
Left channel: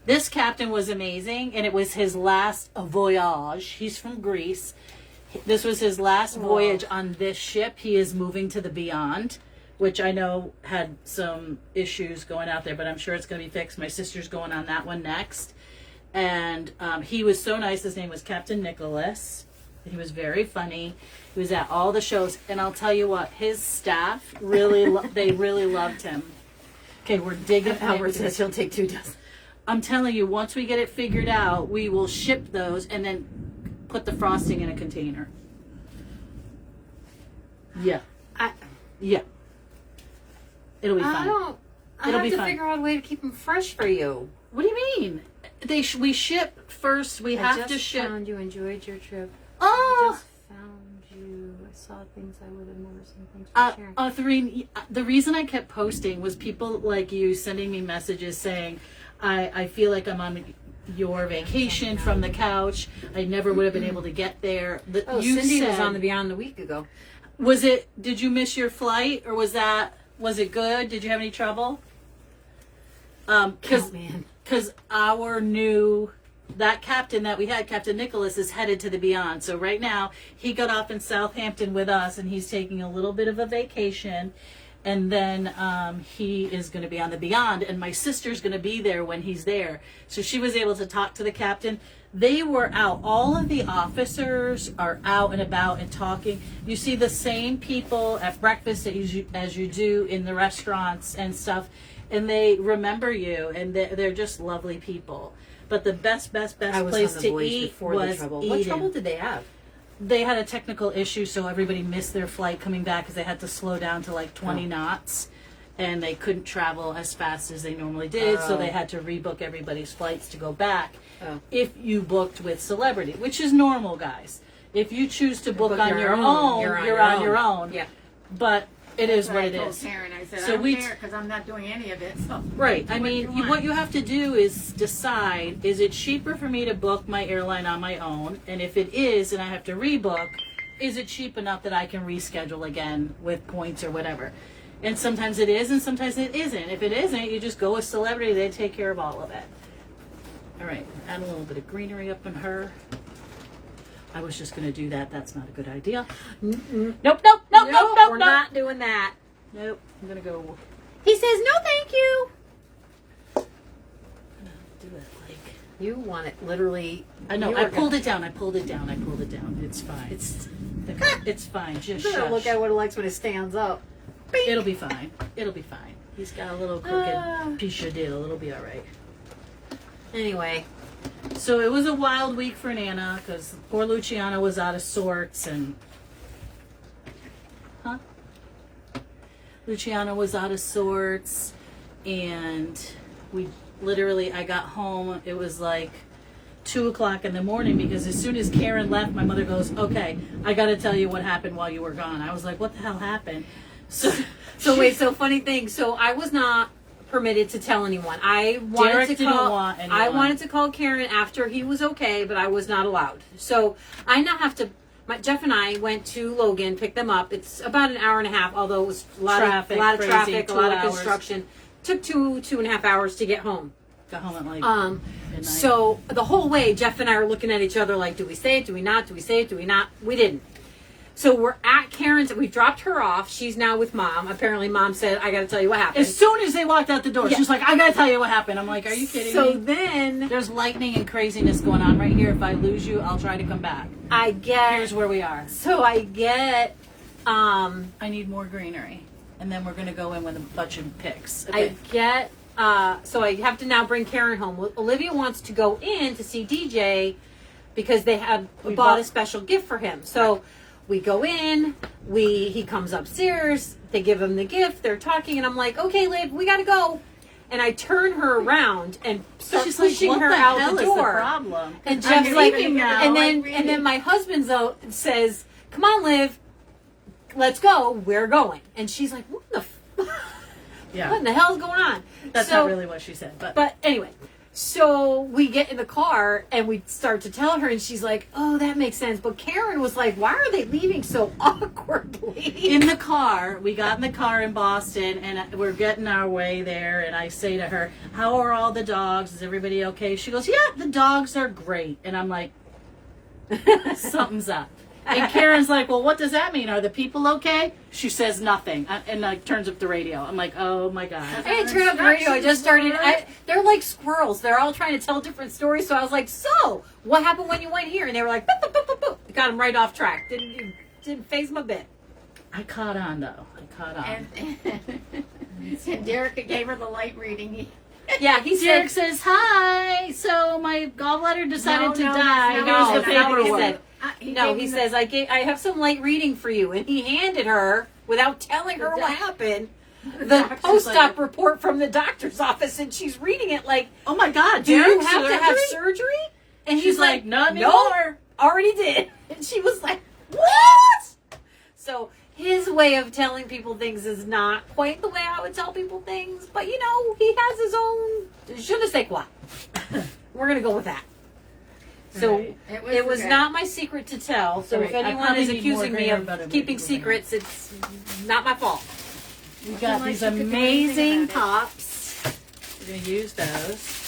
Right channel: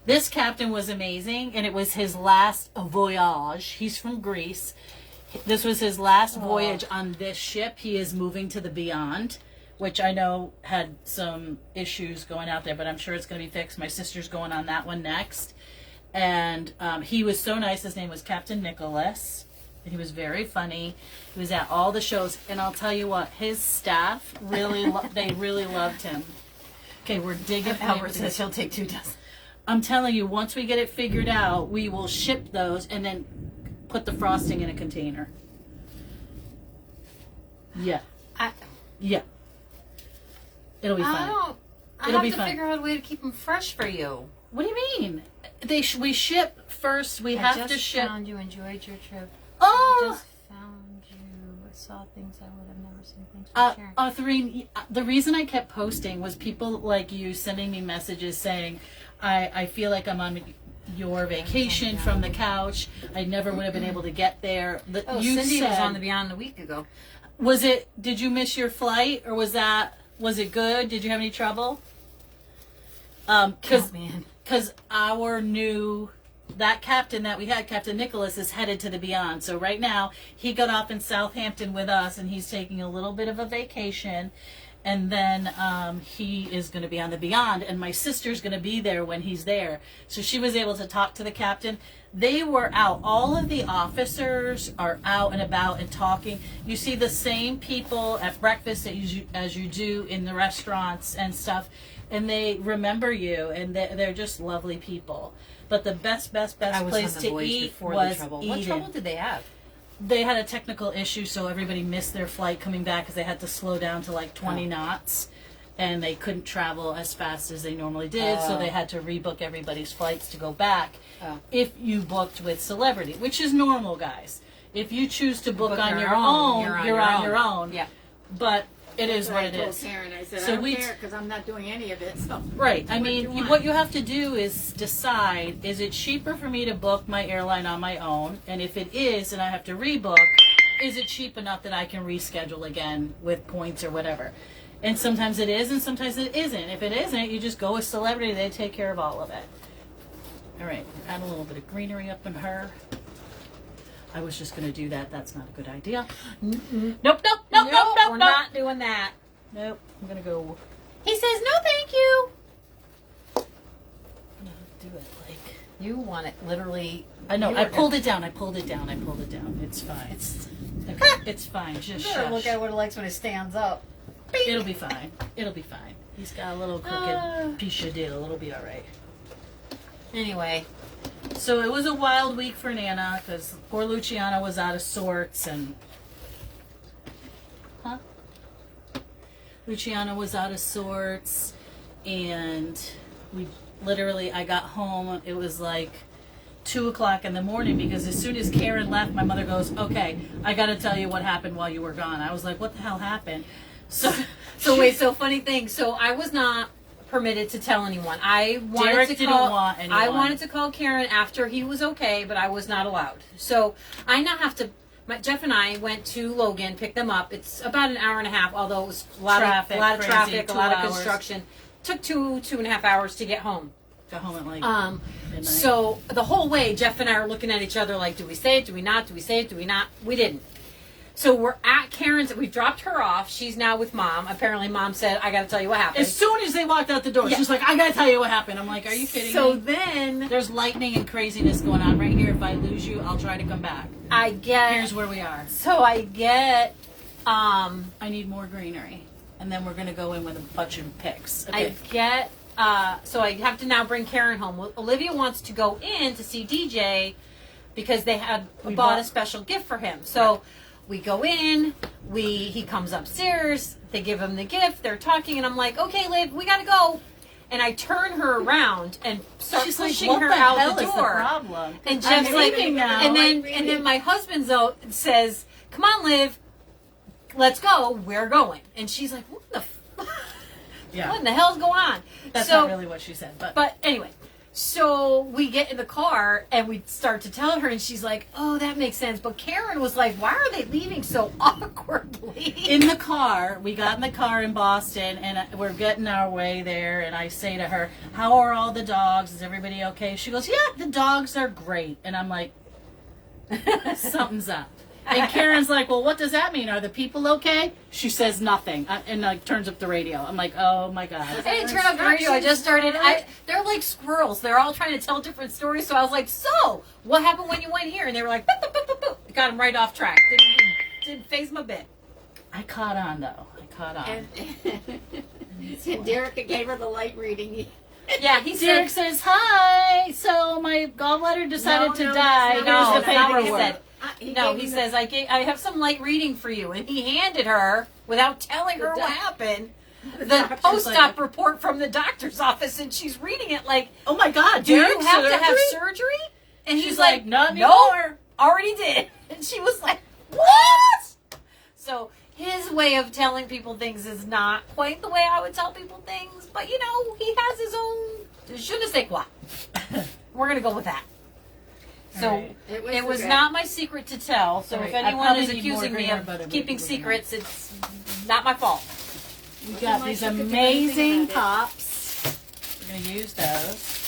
This captain was amazing, and it was his last voyage. He's from Greece. This was his last voyage on this ship. He is moving to the beyond, which I know had some issues going out there, but I'm sure it's going to be fixed. My sister's going on that one next. And he was so nice. His name was Captain Nicholas. He was very funny. He was at all the shows. And I'll tell you what, his staff really, they really loved him. Okay, we're digging. Albert says he'll take 2 dozen. I'm telling you, once we get it figured out, we will ship those and then put the frosting in a container. Yeah. Yeah. It'll be I fun. don't. I It'll have be to fun. figure out a way to keep them fresh for you. What do you mean? We ship first. We have to ship. Found you enjoyed your trip. Oh, Just found you a saw things I would have never seen. Thanks for sharing. Arthurine, the reason I kept posting was people like you sending me messages saying, I feel like I'm on your vacation from the couch. I never would have been able to get there. Cindy was on the Beyond a week ago. Did you miss your flight, or was it good? Did you have any trouble? Because that captain that we had, Captain Nicholas, is headed to the Beyond. So right now, he got off in Southampton with us, and he's taking a little bit of a vacation. And then he is going to be on the Beyond, and my sister's going to be there when he's there. So she was able to talk to the captain. They were out. All of the officers are out and about and talking. You see the same people at breakfast as you do in the restaurants and stuff, and they remember you, and they're just lovely people. But the best place to eat was Eden. What trouble did they have? They had a technical issue, so everybody missed their flight coming back because they had to slow down to like 20 knots, and they couldn't travel as fast as they normally did, so they had to rebook everybody's flights to go back. If you booked with Celebrity, which is normal, guys. If you choose to book on your own, you're on your own. Yeah. But it is what it I told is. Karen, I said, So I don't care because I'm not doing any of it. So Right. I What do mean, you want? what you have to do is decide, is it cheaper for me to book my airline on my own? And if it is, and I have to rebook, is it cheap enough that I can reschedule again with points or whatever? And sometimes it is, and sometimes it isn't. If it isn't, you just go with Celebrity. They take care of all of it. All right. Add a little bit of greenery up in her. I was just going to do that. That's not a good idea. Nope. We're not doing that. Nope. I'm going to go... He says, no, thank you. I'm going to do it like... You want it literally. I know. I pulled it down. It's fine. It's fine. Just Better shush. look at what it likes when it stands up. It'll be fine. He's got a little crooked piece of diddle. It'll be all right. Anyway. So it was a wild week for Nana because poor Luciana was out of sorts Luciana was out of sorts, and I got home. It was like 2:00 in the morning because as soon as Karen left, my mother goes, "Okay, I got to tell you what happened while you were gone." I was like, "What the hell happened?" So funny thing. So I was not permitted to tell anyone. I wanted to call Karen after he was okay, but I was not allowed. So I now have to. Jeff and I went to Logan, picked them up. It's about an hour and a half, although it was a lot of traffic, a lot of construction. Took 2.5 hours to get home. Got home at like midnight. So the whole way, Jeff and I are looking at each other like, do we say it? Do we not? Do we say it? Do we not? We didn't. So we're at Karen's. We dropped her off. She's now with Mom. Apparently, Mom said, I got to tell you what happened. As soon as they walked out the door, she's like, I got to tell you what happened. I'm like, are you kidding me? So then... There's lightning and craziness going on right here. If I lose you, I'll try to come back. Here's where we are. So I get... I need more greenery. And then we're going to go in with a bunch of picks. Okay. I get... so I have to now bring Karen home. Olivia wants to go in to see DJ because they had bought a special gift for him. So... Right. We go in, he comes upstairs, they give him the gift, they're talking, and I'm like, okay, Liv, we gotta go. And I turn her around and start pushing her out the door. Is the problem? And Jeff's like, and then my husband says, come on, Liv, let's go, we're going. And she's like, what in the hell's going on? That's not really what she said, but anyway. So we get in the car and we start to tell her, and she's like, oh, that makes sense. But Karen was like, why are they leaving so awkwardly? In the car, we got in the car in Boston, and we're getting our way there, and I say to her, how are all the dogs? Is everybody okay? She goes, yeah, the dogs are great. And I'm like, something's up. And Karen's like, well, what does that mean? Are the people okay? She says nothing, and like turns up the radio. I'm like, oh my God. I didn't turn up the radio. I just started. They're like squirrels. They're all trying to tell different stories. So I was like, so what happened when you went here? And they were like, boop, boop, boop, boop, boop. Got them right off track. Didn't phase my bit. I caught on though. And Derek gave her the light reading. Yeah, Derek says, hi. So my gallbladder decided to die. Here's the paperwork. He says, I have some light reading for you. And he handed her, without telling her what happened, the post-op report from the doctor's office. And she's reading it like, oh my God, do you have to have surgery? And he's like, not anymore. Already did. And she was like, what? So his way of telling people things is not quite the way I would tell people things. But, you know, he has his own je ne sais quoi. We're going to go with that. So Right. it was not my secret to tell. So Right. if I anyone probably is need accusing more me graham of butter, keeping but- secrets, it's not my fault. We got like these you could do amazing anything about it. pops. We're going to use those.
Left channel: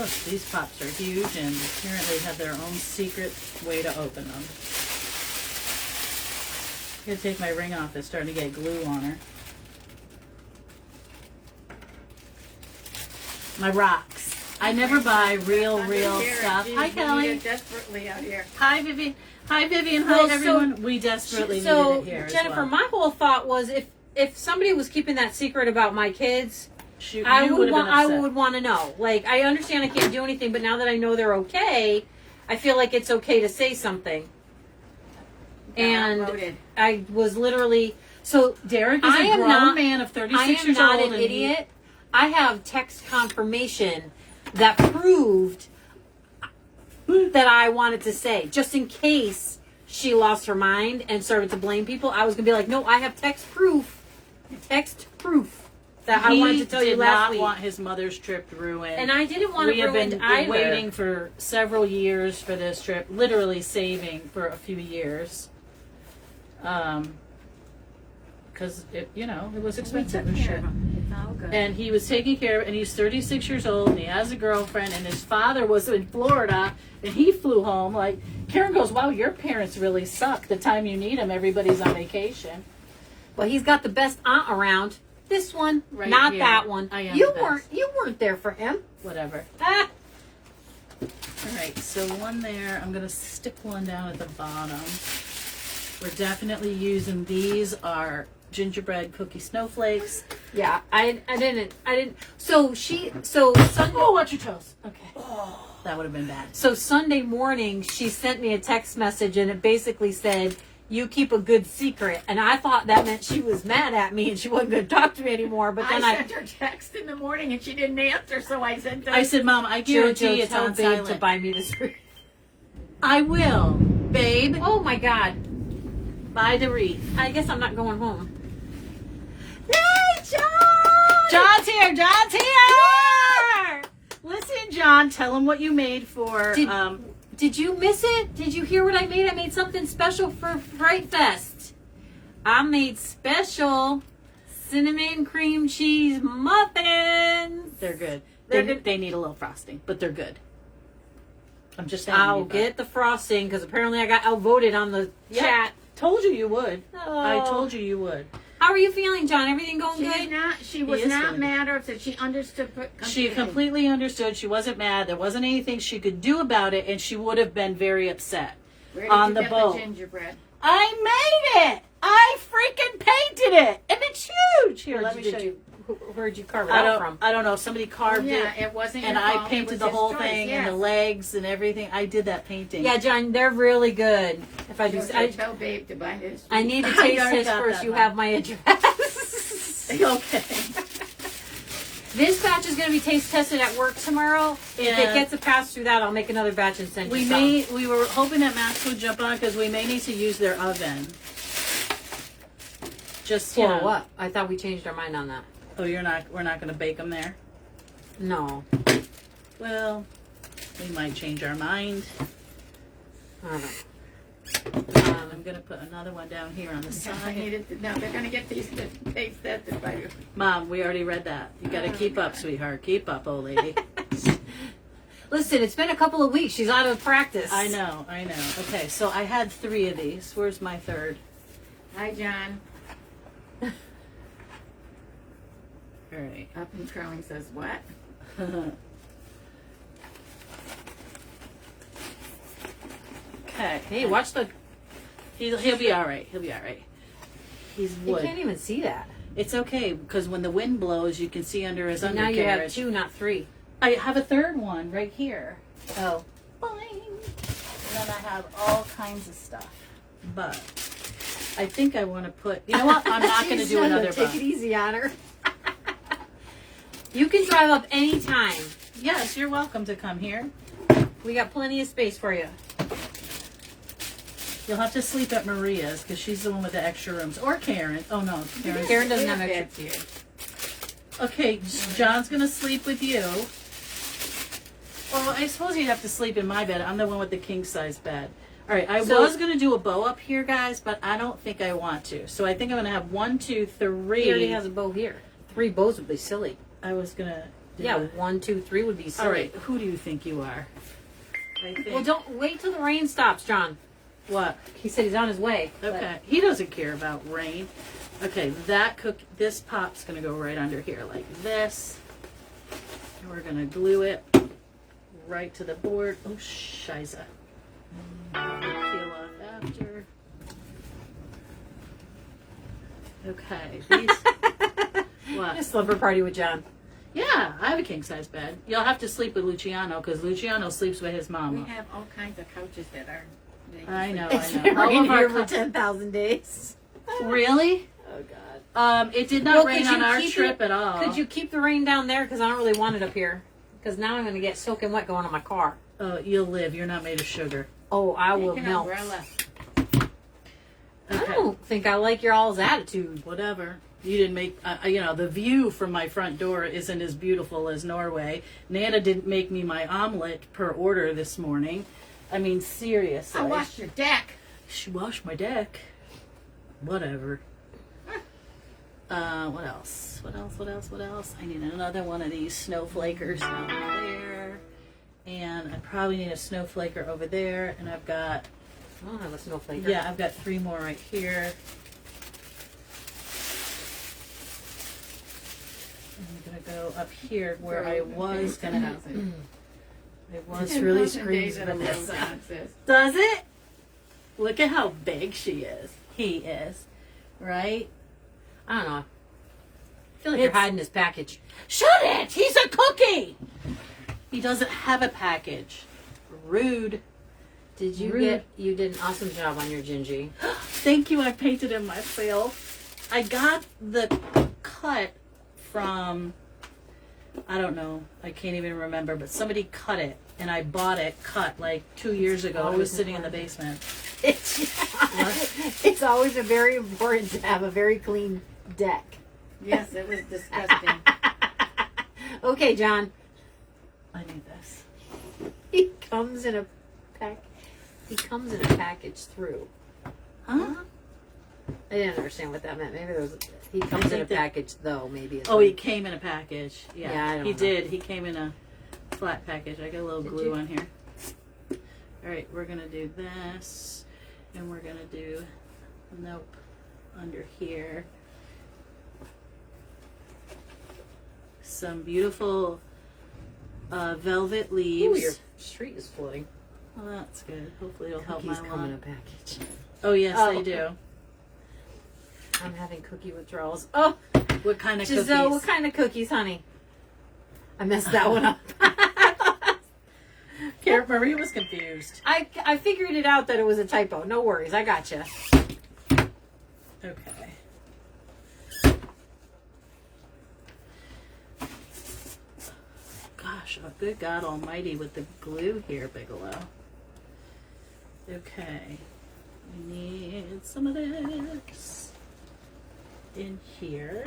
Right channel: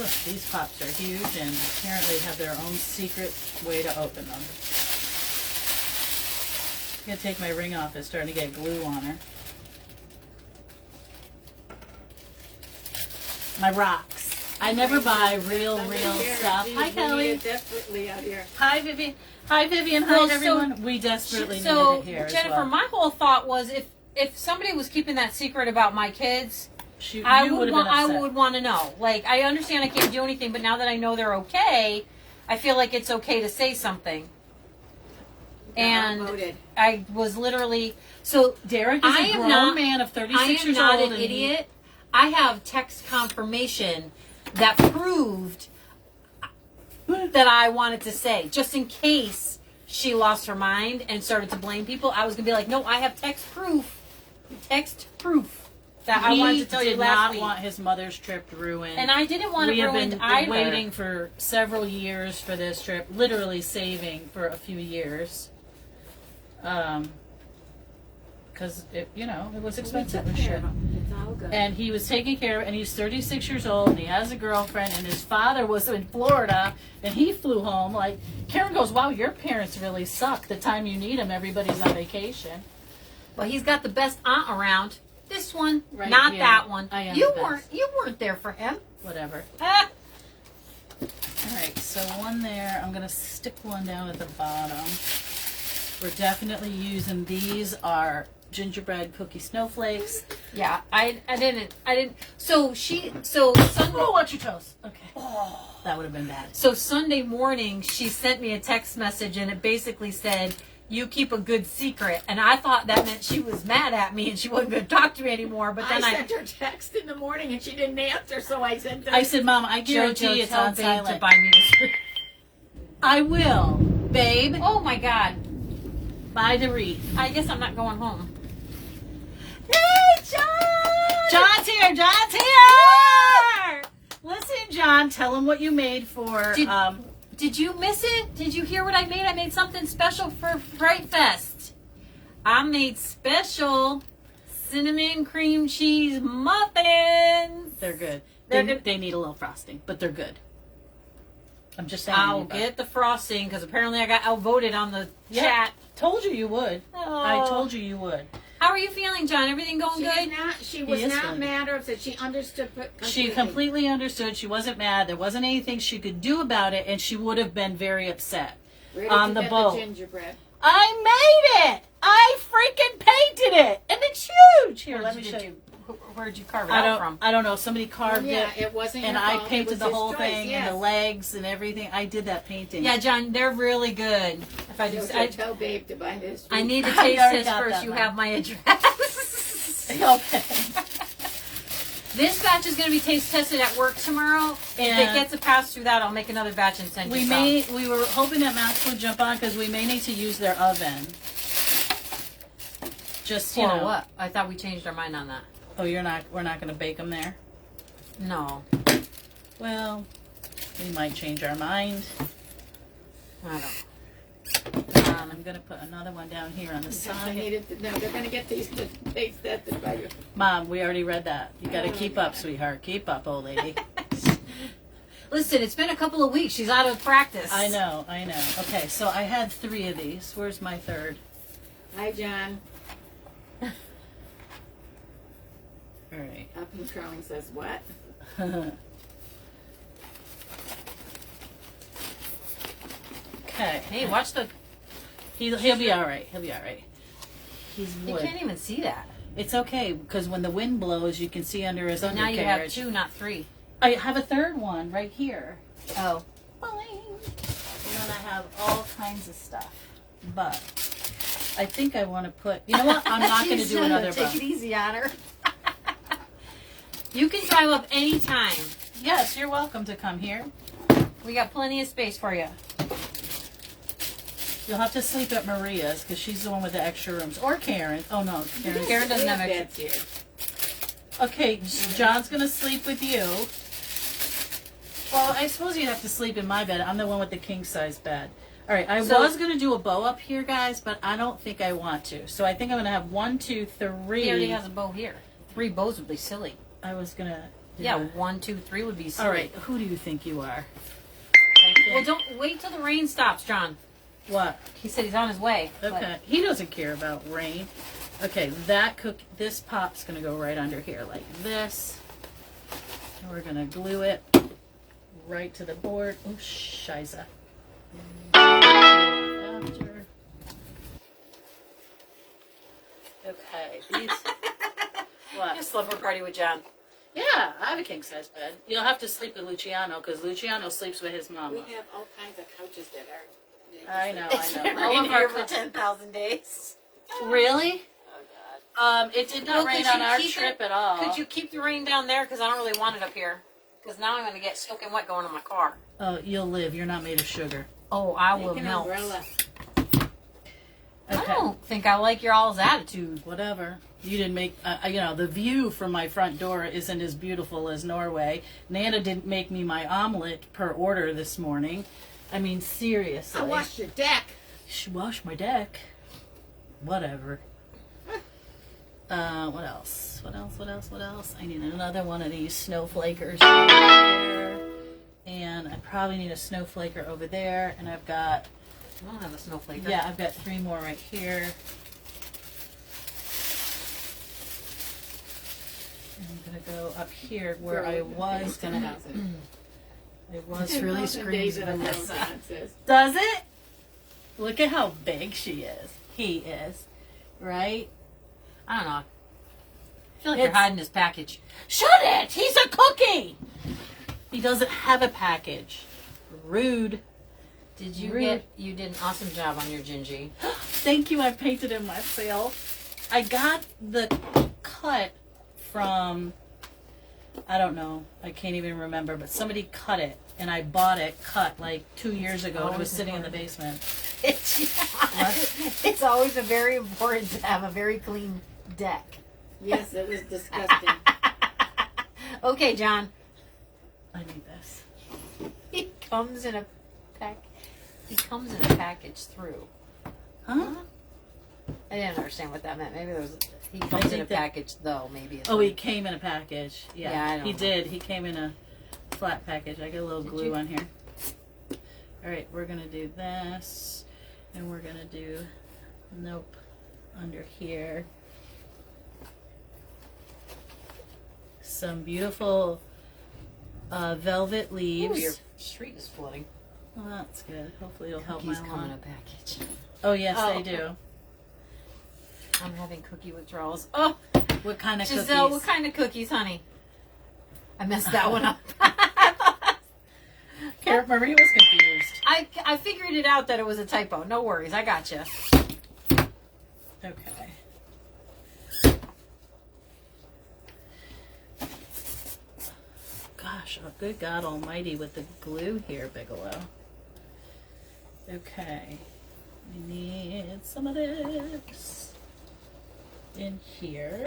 Oh, these pops are huge and apparently have their own secret way to open them. I'm going to take my ring off. It's starting to get glue on her. My rocks. I never buy real stuff. Geez, Hi, we need Kelly. it desperately out here. Hi, Vivian. Hi, Vivian. Hi, Well, so- everyone. We desperately So needed it here Jennifer, as well. my whole thought was if somebody was keeping that secret about my kids, Shoot, I you would would've been want upset. to know. Like, I understand I can't do anything, but now that I know they're okay, I feel like it's okay to say something. And Outmoded. I was literally so Derek is I a am grown not- man of 36 I am years not old. an and he- idiot. I have text confirmation that proved that I wanted to say, just in case she lost her mind and started to blame people. I was gonna be like, no, I have text proof that I wanted to tell you did last not week. want his mother's trip ruined. And I didn't want we it have ruined been either. waiting for several years for this trip, literally saving for a few years. Because, it was expensive. Sure. It's all good. And he was taking care of it, and he's 36 years old, and he has a girlfriend, and his father was in Florida, and he flew home. Like, Karen goes, wow, your parents really suck. The time you need them, everybody's on vacation. But he's got the best aunt around. This one, Right, not yeah. that one. I am You the best. weren't there for him. Whatever. Ah. All right, so one there. I'm going to stick one down at the bottom. We're definitely using these are gingerbread cookie snowflakes. Yeah, I didn't. So Sunday. Oh, watch your toes. Okay. That would have been bad. So Sunday morning, she sent me a text message, and it basically said, "You keep a good secret." And I thought that meant she was mad at me and she wasn't going to talk to me anymore. But then I sent her text in the morning and she didn't answer, so I sent her. I said, Mom, I guarantee Jojo, it's tell on Babe silent. to buy me this. I will, babe. Oh my God! Buy the wreath. I guess I'm not going home. Yay, John! John's here. John's here. Listen, John, tell him what you made for. Did you miss it? Did you hear what I made? I made something special for Fright Fest. I made special cinnamon cream cheese muffins. They're good. They're They, good. they need a little frosting, but they're good. I'm just saying. I'll get the frosting because apparently I got outvoted on the chat. Told you you would. Oh. I told you you would. How are you feeling, John? Everything going good? She was He is not good. mad, or that she understood She completely understood. She wasn't mad. There wasn't anything she could do about it, and she would have been very upset. Where did on you the get boat. the gingerbread? I made it. I freaking painted it, and it's huge. Here, let me show you. Where'd you carve it I out don't. from? I don't know. Somebody carved Yeah, it, it wasn't and your I fault. It painted was the his whole choice, thing yes. and the legs and everything. I did that painting. Yeah, John, they're really good. If I do, So tell Babe to buy this. I need to I taste already this got first. that, You Mom. have my address. Okay. This batch is going to be taste tested at work tomorrow. If it Yeah. gets a pass through that, I'll make another batch and send We you some. we were hoping that Max would jump on because we may need to use their oven. Just you For know. what? I thought we changed our mind on that. Oh, we're not going to bake them there. No, Well, we might change our mind. I don't. I'm going to put another one down here on the I side. needed to, no, they're going to get these to taste tested by you. Mom, we already read that. You got to keep up, sweetheart. Keep up, old lady. Listen, it's been a couple of weeks. She's out of practice. I know. Okay, so I had 3 of these. Where's my third? Hi, John. All right. Up and Crowing says what? Okay. Hey, watch the. He'll be all right. He'll be all right. He's You wood. can't even see that. It's okay because when the wind blows, you can see under his Now undercarriage. you have 2, not 3. I have a third one right here. Oh. Boing. And then I have all kinds of stuff. But I think I want to put. You know what? I'm not going to do another Take bun. it easy on her. You can drive up anytime. Yes, you're welcome to come here. We got plenty of space for you. You'll have to sleep at Maria's because she's the one with the extra rooms. Or Karen. Oh, no. Karen doesn't We have have extra. beds here. Okay, John's going to sleep with you. Well, I suppose you'd have to sleep in my bed. I'm the one with the king-size bed. All right, I was going to do a bow up here, guys, but I don't think I want to. So I think I'm going to have 1, 2, 3. He already has a bow here. 3 bows would be silly. I was going to... Yeah, 1, 2, 3 would be silly. All right, who do you think you are? Well, don't wait till the rain stops, John. What? He said he's on his way. Okay, he doesn't care about rain. Okay, this pop's going to go right under here like this. And we're going to glue it right to the board. Oh, shiza. After. Okay, these... What? A slumber party with John. Yeah, I have a king-size bed. You'll have to sleep with Luciano because Luciano sleeps with his mama. We have all kinds of couches that are. I know. Rain All of our here for 10,000 days. Really? Oh, God. It did not Well, rain could on you our keep trip at all. Could you keep the rain down there? Because I don't really want it up here. Because now I'm going to get soaking wet going on my car. Oh, you'll live. You're not made of sugar. Oh, I will Make an melt. umbrella. I don't think I like your all's attitude. Whatever. You didn't make, the view from my front door isn't as beautiful as Norway. Nana didn't make me my omelet per order this morning. I mean, seriously. I washed your deck. She washed my deck. Whatever. What else? What else? I need another one of these snowflakers over there. And I probably need a snowflaker over there. And I've got... I don't have a snowflaker. Yeah, I've got 3 more right here. I'm going to go up here where I was going to have it. It was really 10,000 days in a row, screaming. John says. Does it? Look at how big she is. He is. Right? I don't know. I feel like you're It's- hiding his package. Shut it! He's a cookie! He doesn't have a package. Rude. Did you Rude. You did an awesome job on your Gingy. Thank you, I painted him myself. I got the cut from, I don't know, I can't even remember, but somebody cut it, and I bought it cut like 2 years ago. It was sitting in the basement. It's always very important to have a very clean deck. Yes, it was disgusting. Okay, John. I need this. He comes in a pack. He comes in a package through. Huh? I didn't understand what that meant. Maybe there was. He comes in a think that- package though. Maybe. It's Oh, he like- came in a package. Yeah, Yeah, I don't he know. did. He came in a flat package. I got a little Did glue you? on here. All right, we're gonna do this, and we're gonna do, nope, under here. Some beautiful velvet Ooh, leaves. your street is floating. Oh, that's good. Hopefully it'll help my Cookies come in a lawn. package. Oh, yes, Oh. they do. I'm having cookie withdrawals. Oh, What kind of Giselle, cookies? what kind of cookies, honey? I messed that one up. Here, Marie was confused. I figured it out that it was a typo. No worries, I gotcha. Okay. Gosh, oh, good God Almighty with the glue here, Bigelow. Okay. We need some of this in here.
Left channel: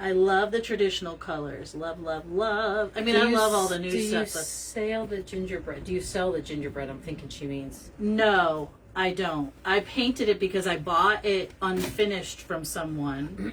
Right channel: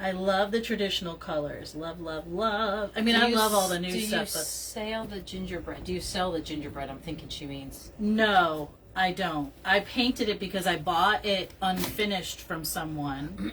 I love the traditional colors. Love, love, love. I mean, I love all the new stuff, Do you but sell the gingerbread? Do you sell the gingerbread? I'm thinking she means. no, I don't. I painted it because I bought it unfinished from someone,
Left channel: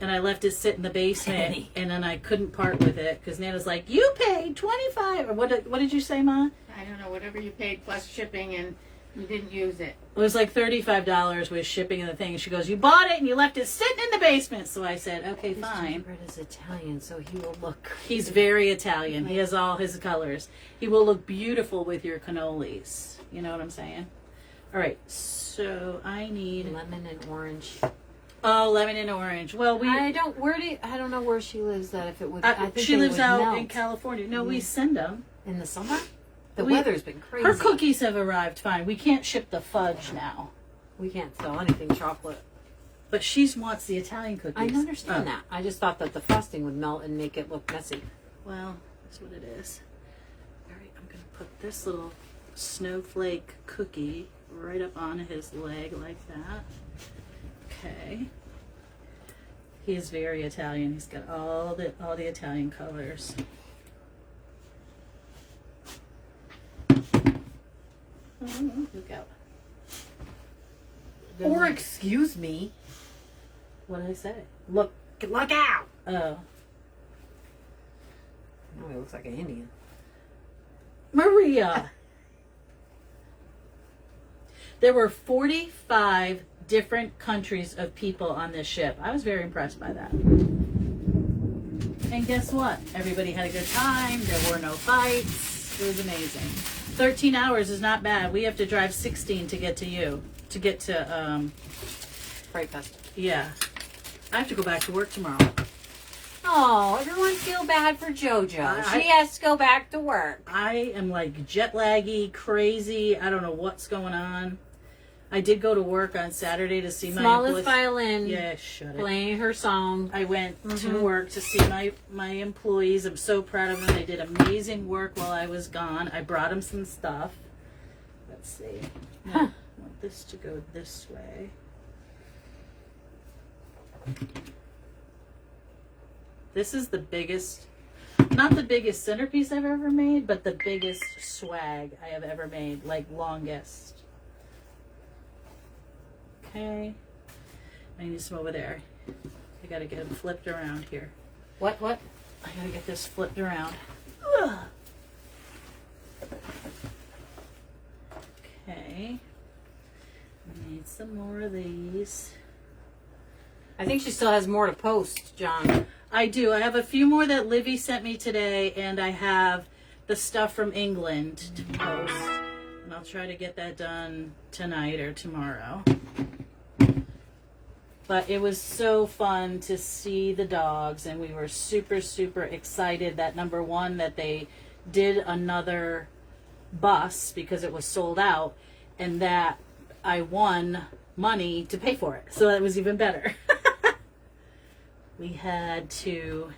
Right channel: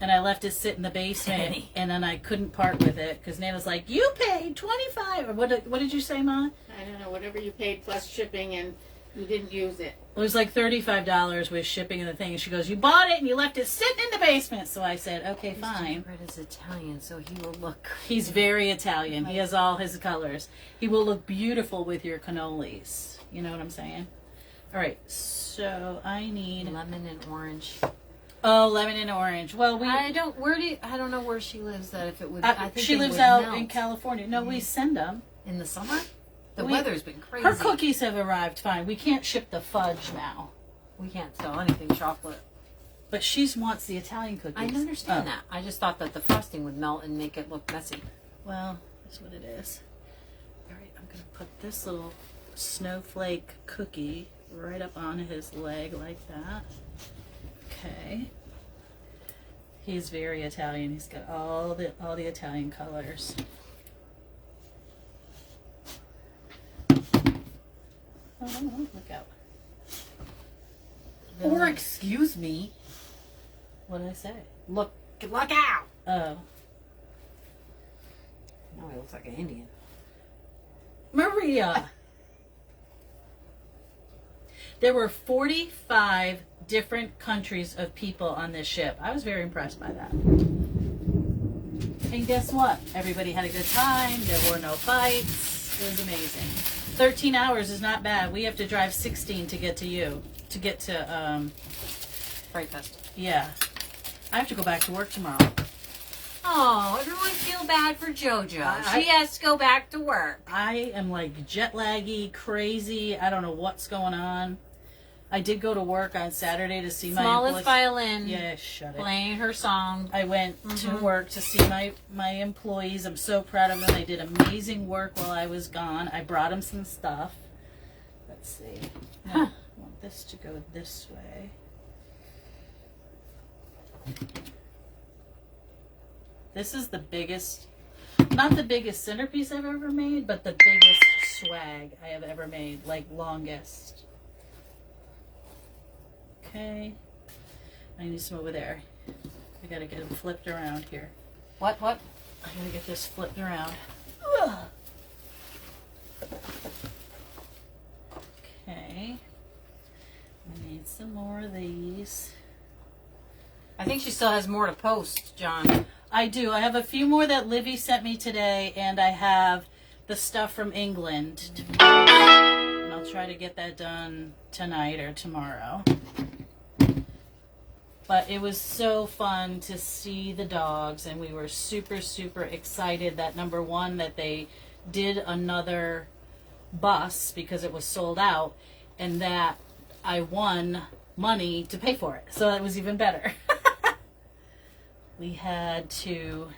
and I left it sit in the basement, and then I couldn't part with it because Nana's like, "You paid $25." Or what did you say, Ma? I don't know, whatever you paid plus shipping, and you didn't use it. It was like $35 with shipping and the thing. And she goes, "You bought it and you left it sitting in the basement." So I said, "Okay, His fine." gingerbread is Italian, so he will look. He's very Italian. He has all his colors. He will look beautiful with your cannolis. You know what I'm saying? All right, so I need Lemon and orange. lemon and orange. Well, I don't know where she lives. That if it would, I think she they lives would out melt. in California. No, we send them. In the summer. The We- weather's been crazy. Her cookies have arrived fine. We can't ship the fudge now, We can't sell anything chocolate. but she wants the Italian cookies. I understand Oh, that. I just thought that the frosting would melt and make it look messy. Well, that's what it is. All right, I'm gonna put this little snowflake cookie right up on his leg like that. Okay. He's very Italian. He's got all the Italian colors. Oh, look out. Or excuse me. What did I say? Look out. Oh. Oh, he looks like an Indian. Maria. There were 45 different countries of people on this ship. I was very impressed by that. And guess what? Everybody had a good time. There were no fights. It was amazing. 13 hours is not bad. We have to drive 16 to get to you. To get to, Fright Fest. yeah. I have to go back to work tomorrow. Oh, everyone feel bad for JoJo. I- She has to go back to work. I am like jet laggy, crazy. I don't know what's going on. I did go to work on Saturday to see my Smallest employees. violin. Yeah, shut it. Playing her song. I went to work to see my employees. I'm so proud of them. They did amazing work while I was gone. I brought them some stuff. Let's see. No, I want this to go this way. This is the biggest, not the biggest centerpiece I've ever made, but the biggest swag I have ever made, like longest. Okay. I need some over there. I gotta get them flipped around here. What? I gotta get this flipped around. Ugh. Okay. I need some more of these. I think she still has more to post, John. I do. I have a few more that Livy sent me today, and I have the stuff from England to post. And I'll try to get that done tonight or tomorrow. But it was so fun to see the dogs, and we were super, super excited that number one, that they did another bus because it was sold out, and that I won money to pay for it. So that was even better. We had to,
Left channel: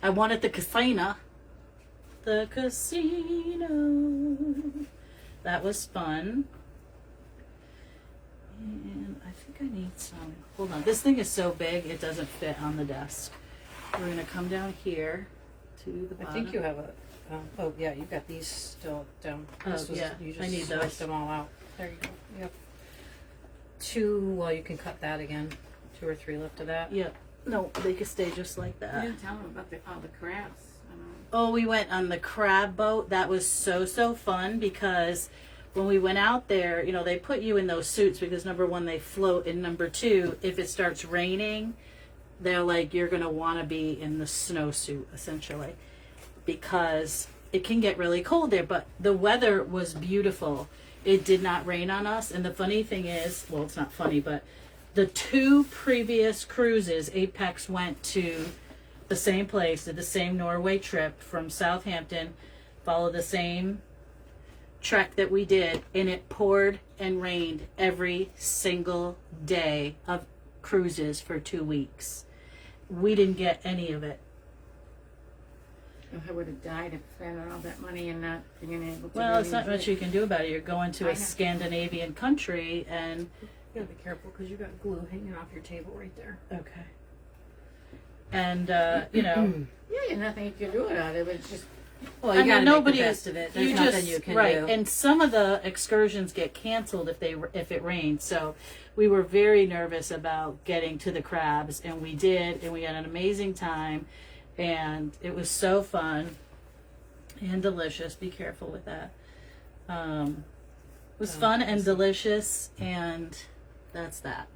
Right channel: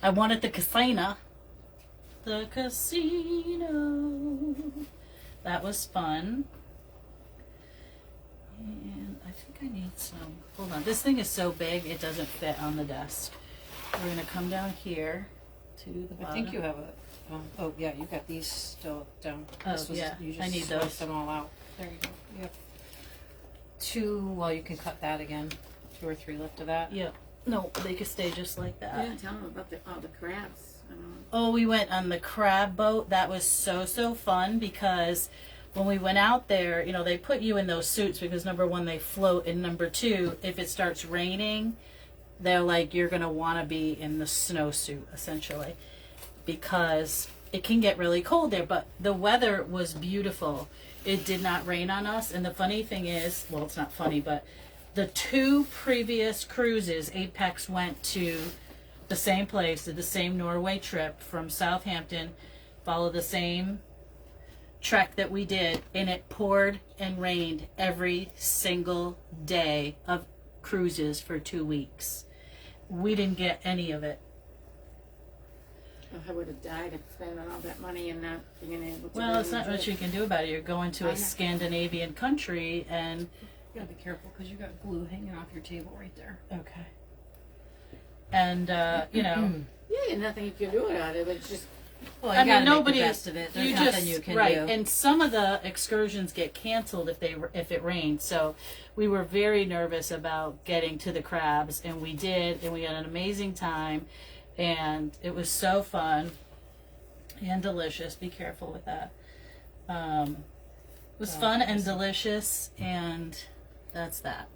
I won at the casino. The casino. That was fun. And I think I need some, hold on. This thing is so big, it doesn't fit on the desk. We're going to come down here to the bottom. I think you have a. Oh yeah, you got these still down. Oh, This was, yeah, you just I need sliced those. them all out. There you go. You have two. Well, you can cut that again. 2 or 3 left of that. Yeah. No, they could stay just like You that. didn't tell them about all the crabs. Oh, we went on the crab boat. That was so fun because when we went out there, you know, they put you in those suits because number one, they float, and number two, if it starts raining, they're like, you're going to want to be in the snowsuit essentially because it can get really cold there. But the weather was beautiful. It did not rain on us. And the funny thing is, well, it's not funny, but the 2 previous cruises, Apex went to the same place, did the same Norway trip from Southampton, followed the same trek that we did, and it poured and rained every single day of cruises for 2 weeks. We didn't get any of it. I would have died if spending all that money and not being able to. Well, really it's not enjoy much it. you can do about it. You're going to I a know. Scandinavian country, and You gotta be careful because you got glue hanging off your table right there. okay. And you know, Yeah, nothing you can do about it. But it's just Well, I you mean, gotta nobody- make the best of it. There's you nothing just you can right. do. And some of the excursions get canceled if it rains. So we were very nervous about getting to the crabs, and we did, and we had an amazing time, and it was so fun and delicious. Be careful with that. It was fun and delicious, and that's that.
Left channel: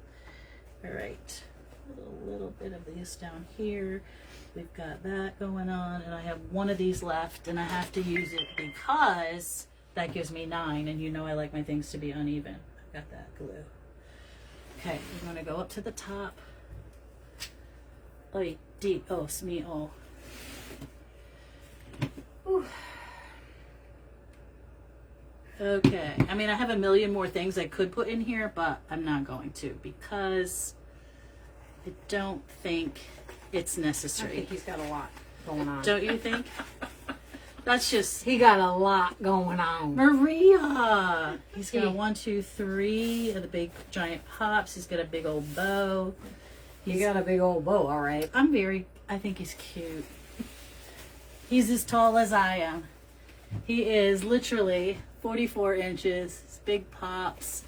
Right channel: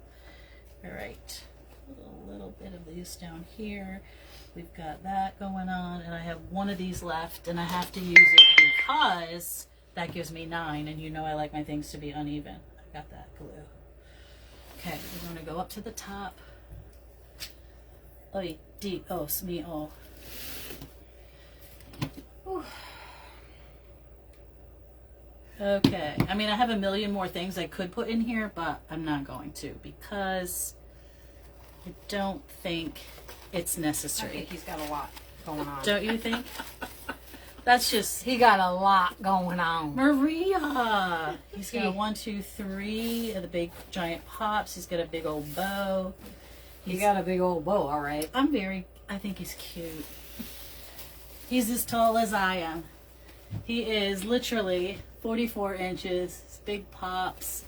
All right, a little bit of these down here. We've got that going on, and I have one of these left, and I have to use it because that gives me 9, and you know I like my things to be uneven. I've got that glue. Okay, we're going to go up to the top. Oh, deep. Oh, me. Oh. Whew. Okay. I mean, I have a million more things I could put in here, but I'm not going to because I don't think it's I necessary. think he's got a lot going on. Don't you think? That's just He got a lot going on. Maria. He's got a 1, 2, 3 of the big giant pops. He's got a big old bow. He got a big old bow, all right. I think he's cute. He's as tall as I am. He is literally 44 inches. His big pops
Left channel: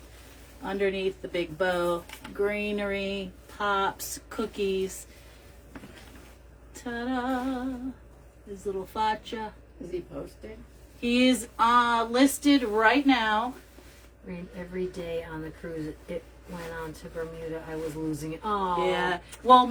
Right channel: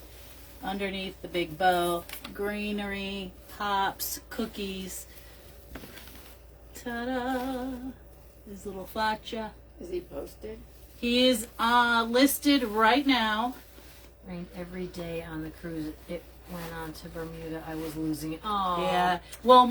underneath the big bow. Greenery, pops, cookies. Ta-da! His little facha. Is he posted? He is listed right now. Every day on the cruise, it went on to Bermuda. I was losing it. Oh, Yeah. Well,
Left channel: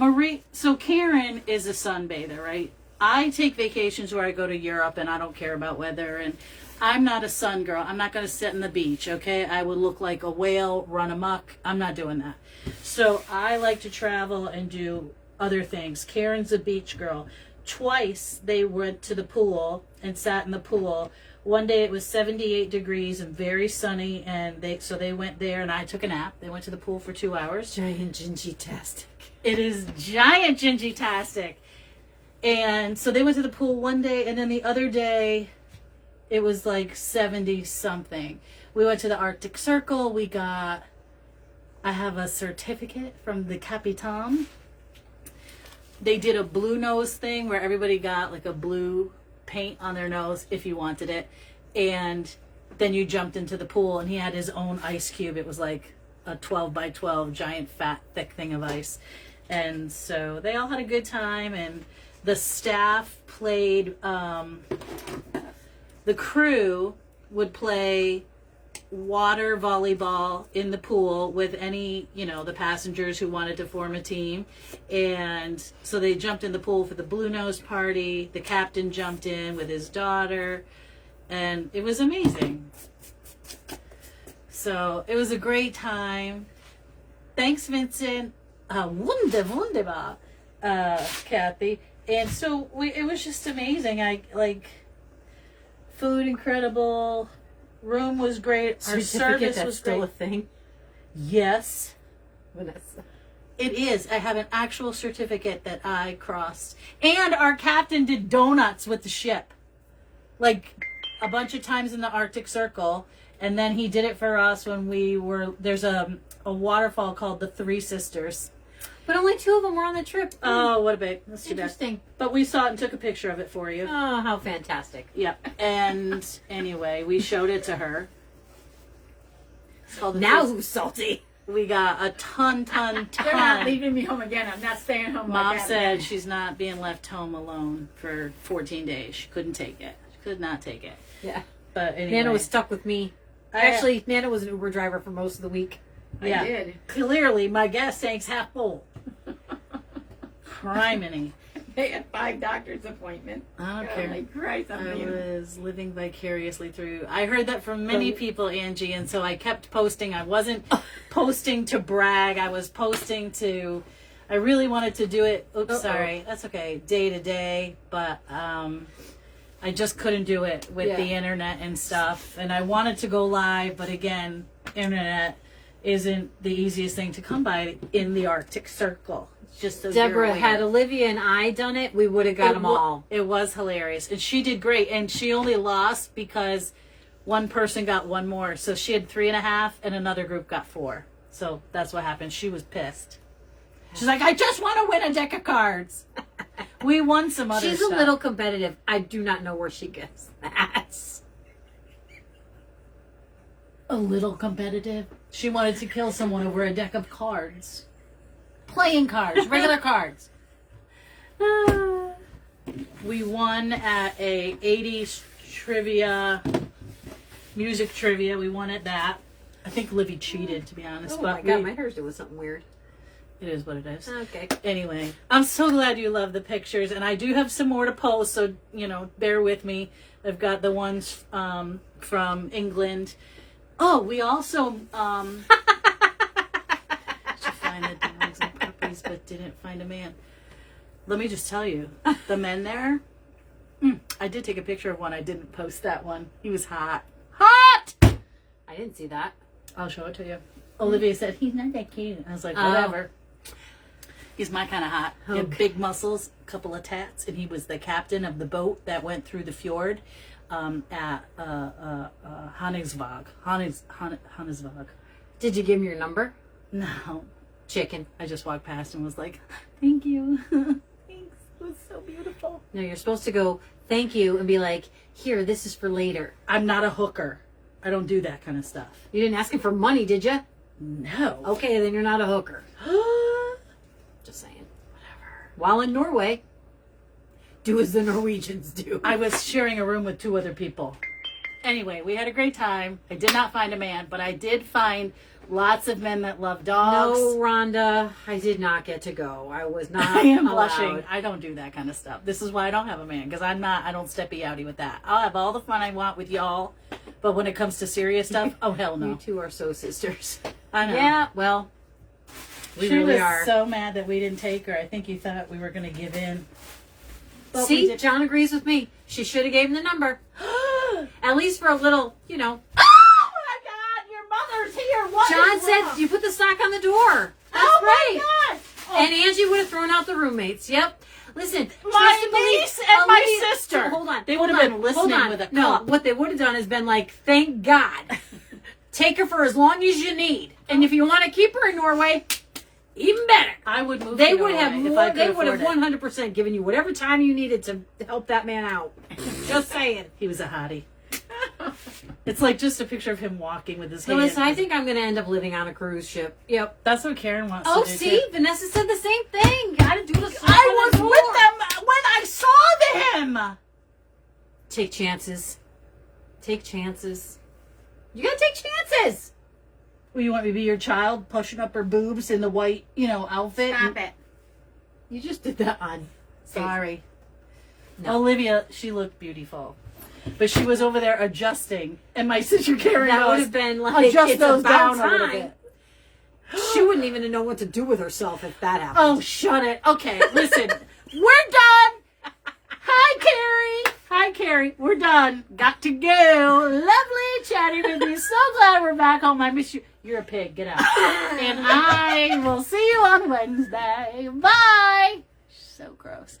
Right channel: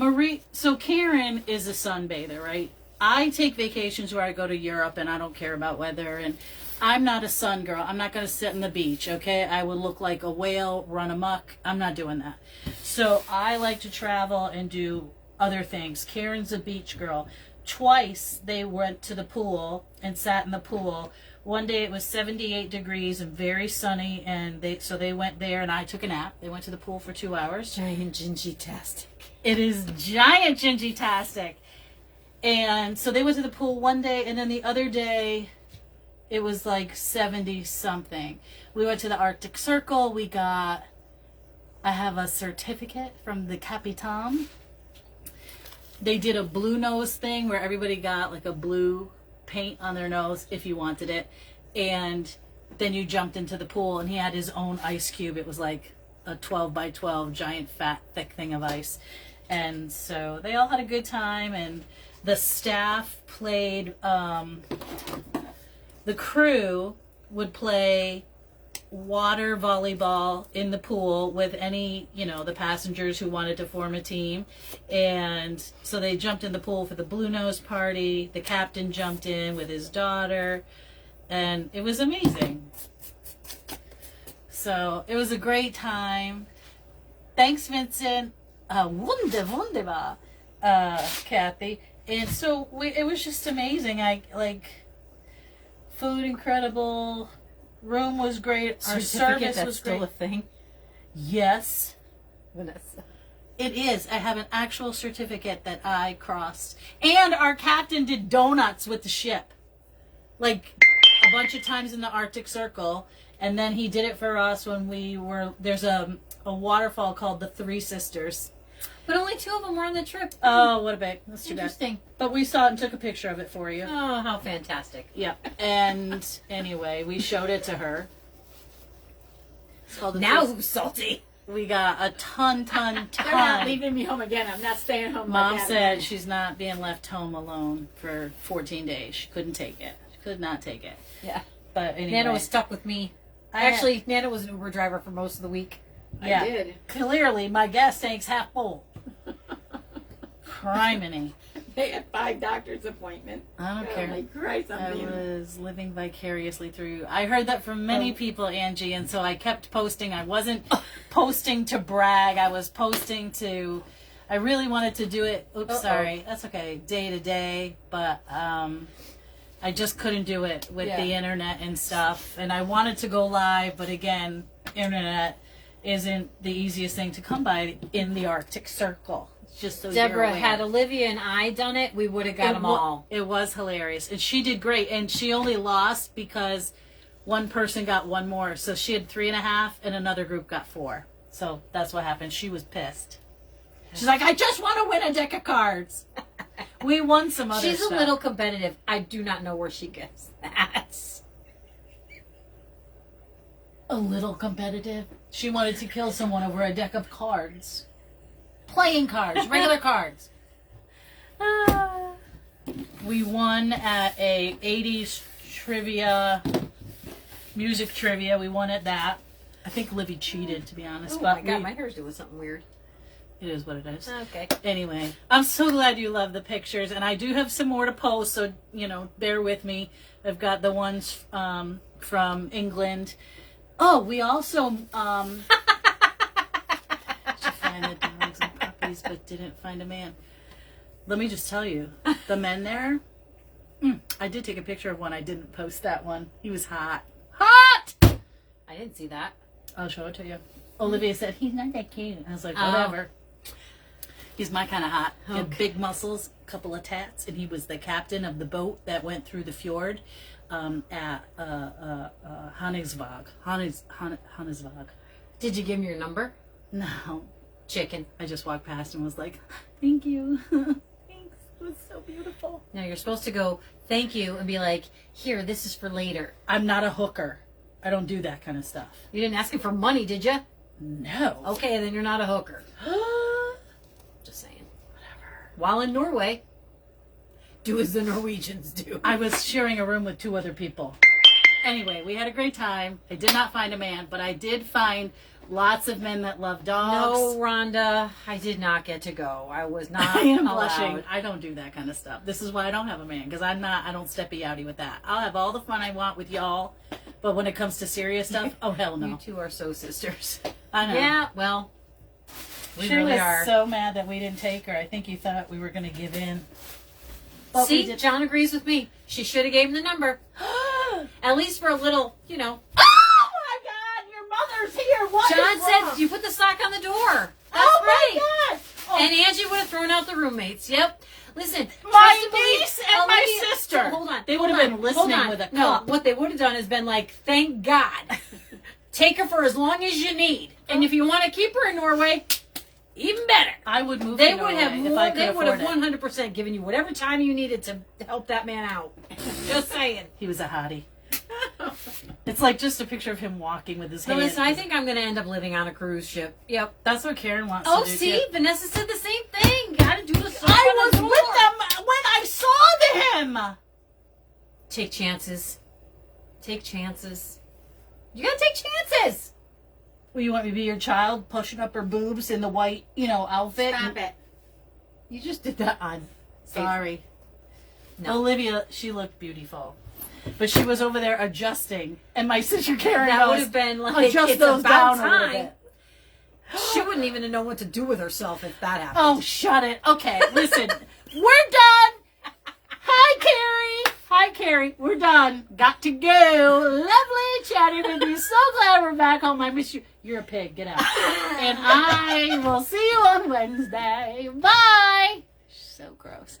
so Karen is a sunbather, right? I take vacations where I go to Europe and I don't care about weather. And I'm not a sun girl. I'm not going to sit on the beach, okay? I would look like a whale, run amok. I'm not doing that. So I like to travel and do other things. Karen's a beach girl. Twice they went to the pool and sat in the pool. One day it was 78 degrees and very sunny, and they went there and I took a nap. They went to the pool for 2 hours. giant gingy-tastic. It is giant gingy-tastic. And so they went to the pool one day, and then the other day it was like 70 something. We went to the Arctic Circle. I have a certificate from the Capitan. They did a blue nose thing where everybody got like a blue paint on their nose if you wanted it. And then you jumped into the pool, and he had his own ice cube. It was like a 12 by 12 giant fat thick thing of ice. And so they all had a good time, and the staff played, the crew would play water volleyball in the pool with any, the passengers who wanted to form a team. And so they jumped in the pool for the Blue Nose party. The captain jumped in with his daughter, and it was amazing. So it was a great time. Thanks, Vincent. Wunderbar, Kathy. And so it was just amazing. Food incredible. Room was great. Our service was still great. a thing. Yes, Vanessa. it is. I have an actual certificate that I crossed. And our captain did donuts with the ship. Like a bunch of times in the Arctic Circle. And then he did it for us when there's a waterfall called the Three Sisters. But only 2 of them were on the trip. Oh, what a bit. That's too bad. Interesting. But we saw it and took a picture of it for you. Oh, how fantastic. Yep. And anyway, we showed it to her. It's called the Now Three- who's salty? we got a ton. They're not leaving me home again. I'm not staying home. Mom like that. said she's not being left home alone for 14 days. She couldn't take it. She could not take it. Yeah. But anyway. Nana was stuck with me. Actually, Nana was an Uber driver for most of the week. Yeah. I did. Clearly, my gas tank's half full. Criminy. They had 5 doctor's appointments. I don't care. Holy Christ, I I'm being... was living vicariously through. I heard that from many people, Angie, and so I kept posting. I wasn't posting to brag. I was posting to. I really wanted to do it. Oops, sorry. That's okay. Day to day, but I just couldn't do it with the internet and stuff. And I wanted to go live, but again, internet isn't the easiest thing to come by in the Arctic Circle. It's just so Deborah, had Olivia and I done it, we would have got them all. It was hilarious. And she did great. And she only lost because one person got one more. So she had 3.5 and another group got 4. So that's what happened. She was pissed. She's like, I just want to win a deck of cards. We won some other She's stuff. a little competitive. I do not know where she gets that. A little competitive. She wanted to kill someone over a deck of cards. Playing cards. Regular cards. We won at a 80s trivia, music trivia. We won at that. I think Livy cheated, to be honest. Oh but my God, my hair's doing something weird. it is what it is. Okay. Anyway, I'm so glad you love the pictures, and I do have some more to post, so, bear with me. I've got the ones from England. Oh, we also should find the dogs and puppies, but didn't find a man. Let me just tell you, the men there, I did take a picture of one. I didn't post that one. He was hot. Hot! I didn't see that. I'll show it to you. Olivia said, he's not that cute. I was like, whatever. He's my kind of hot. He had big muscles, a couple of tats, and he was the captain of the boat that went through the fjord at Hannesvåg. Hannesvåg. Did you give him your number? No. Chicken. I just walked past and was like, thank you. Thanks. It was so beautiful. No, you're supposed to go, thank you, and be like, here, this is for later. I'm not a hooker. I don't do that kind of stuff. You didn't ask him for money, did you? No. Okay, then you're not a hooker. Just saying. Whatever. While in Norway, do as the Norwegians do. I was sharing a room with 2 other people. Anyway, we had a great time. I did not find a man, but I did find lots of men that love dogs. No, Rhonda, I did not get to go. I was not I am allowed. blushing. I don't do that kind of stuff. This is why I don't have a man, because I don't steppy outy with that. I'll have all the fun I want with y'all, but when it comes to serious stuff, oh hell no. You two are so sisters. I know. Yeah, well, we She really was are. so mad that we didn't take her. I think you thought we were going to give in. But we See, did. John agrees with me. She should have gave him the number. At least for a little, Oh my God, your mother's here. What John is said wrong? you put the sock on the door. That's Oh right. my God. Oh. And Angie would have thrown out the roommates. Yep. Listen, My trust and believe- niece and my Olivia- sister. Hold on. They hold would have on, been hold listening on. with a No, cup. what they would have done is been like, thank God. Take her for as long as you need. And if you want to keep her in Norway, even better. I would move They to would Norway have if more. I could They would have afford it. 100% given you whatever time you needed to help that man out. Just saying. He was a hottie. It's like just a picture of him walking with his So hand. listen, I think I'm going to end up living on a cruise ship. Yep. That's what Karen wants Oh, to do see, too. Vanessa said the same thing. Got to do the same. I was with them when I saw them. Take chances. Take chances. You gotta take chances. Well, you want me to be your child pushing up her boobs in the white, outfit? Stop it. You just did that on. Sorry. No. Olivia, she looked beautiful. But she was over there adjusting. And my sister Karen That goes, would have been like, adjust it's those about down a little time. bit. She wouldn't even know what to do with herself if that happened. Oh, shut it. Okay, listen. We're done. Hi, Carrie. Hi, Carrie. We're done. Got to go. Lovely chatting with you. So glad we're back home. I miss you. You're a pig. Get out. And I will see you on Wednesday. Bye. So gross.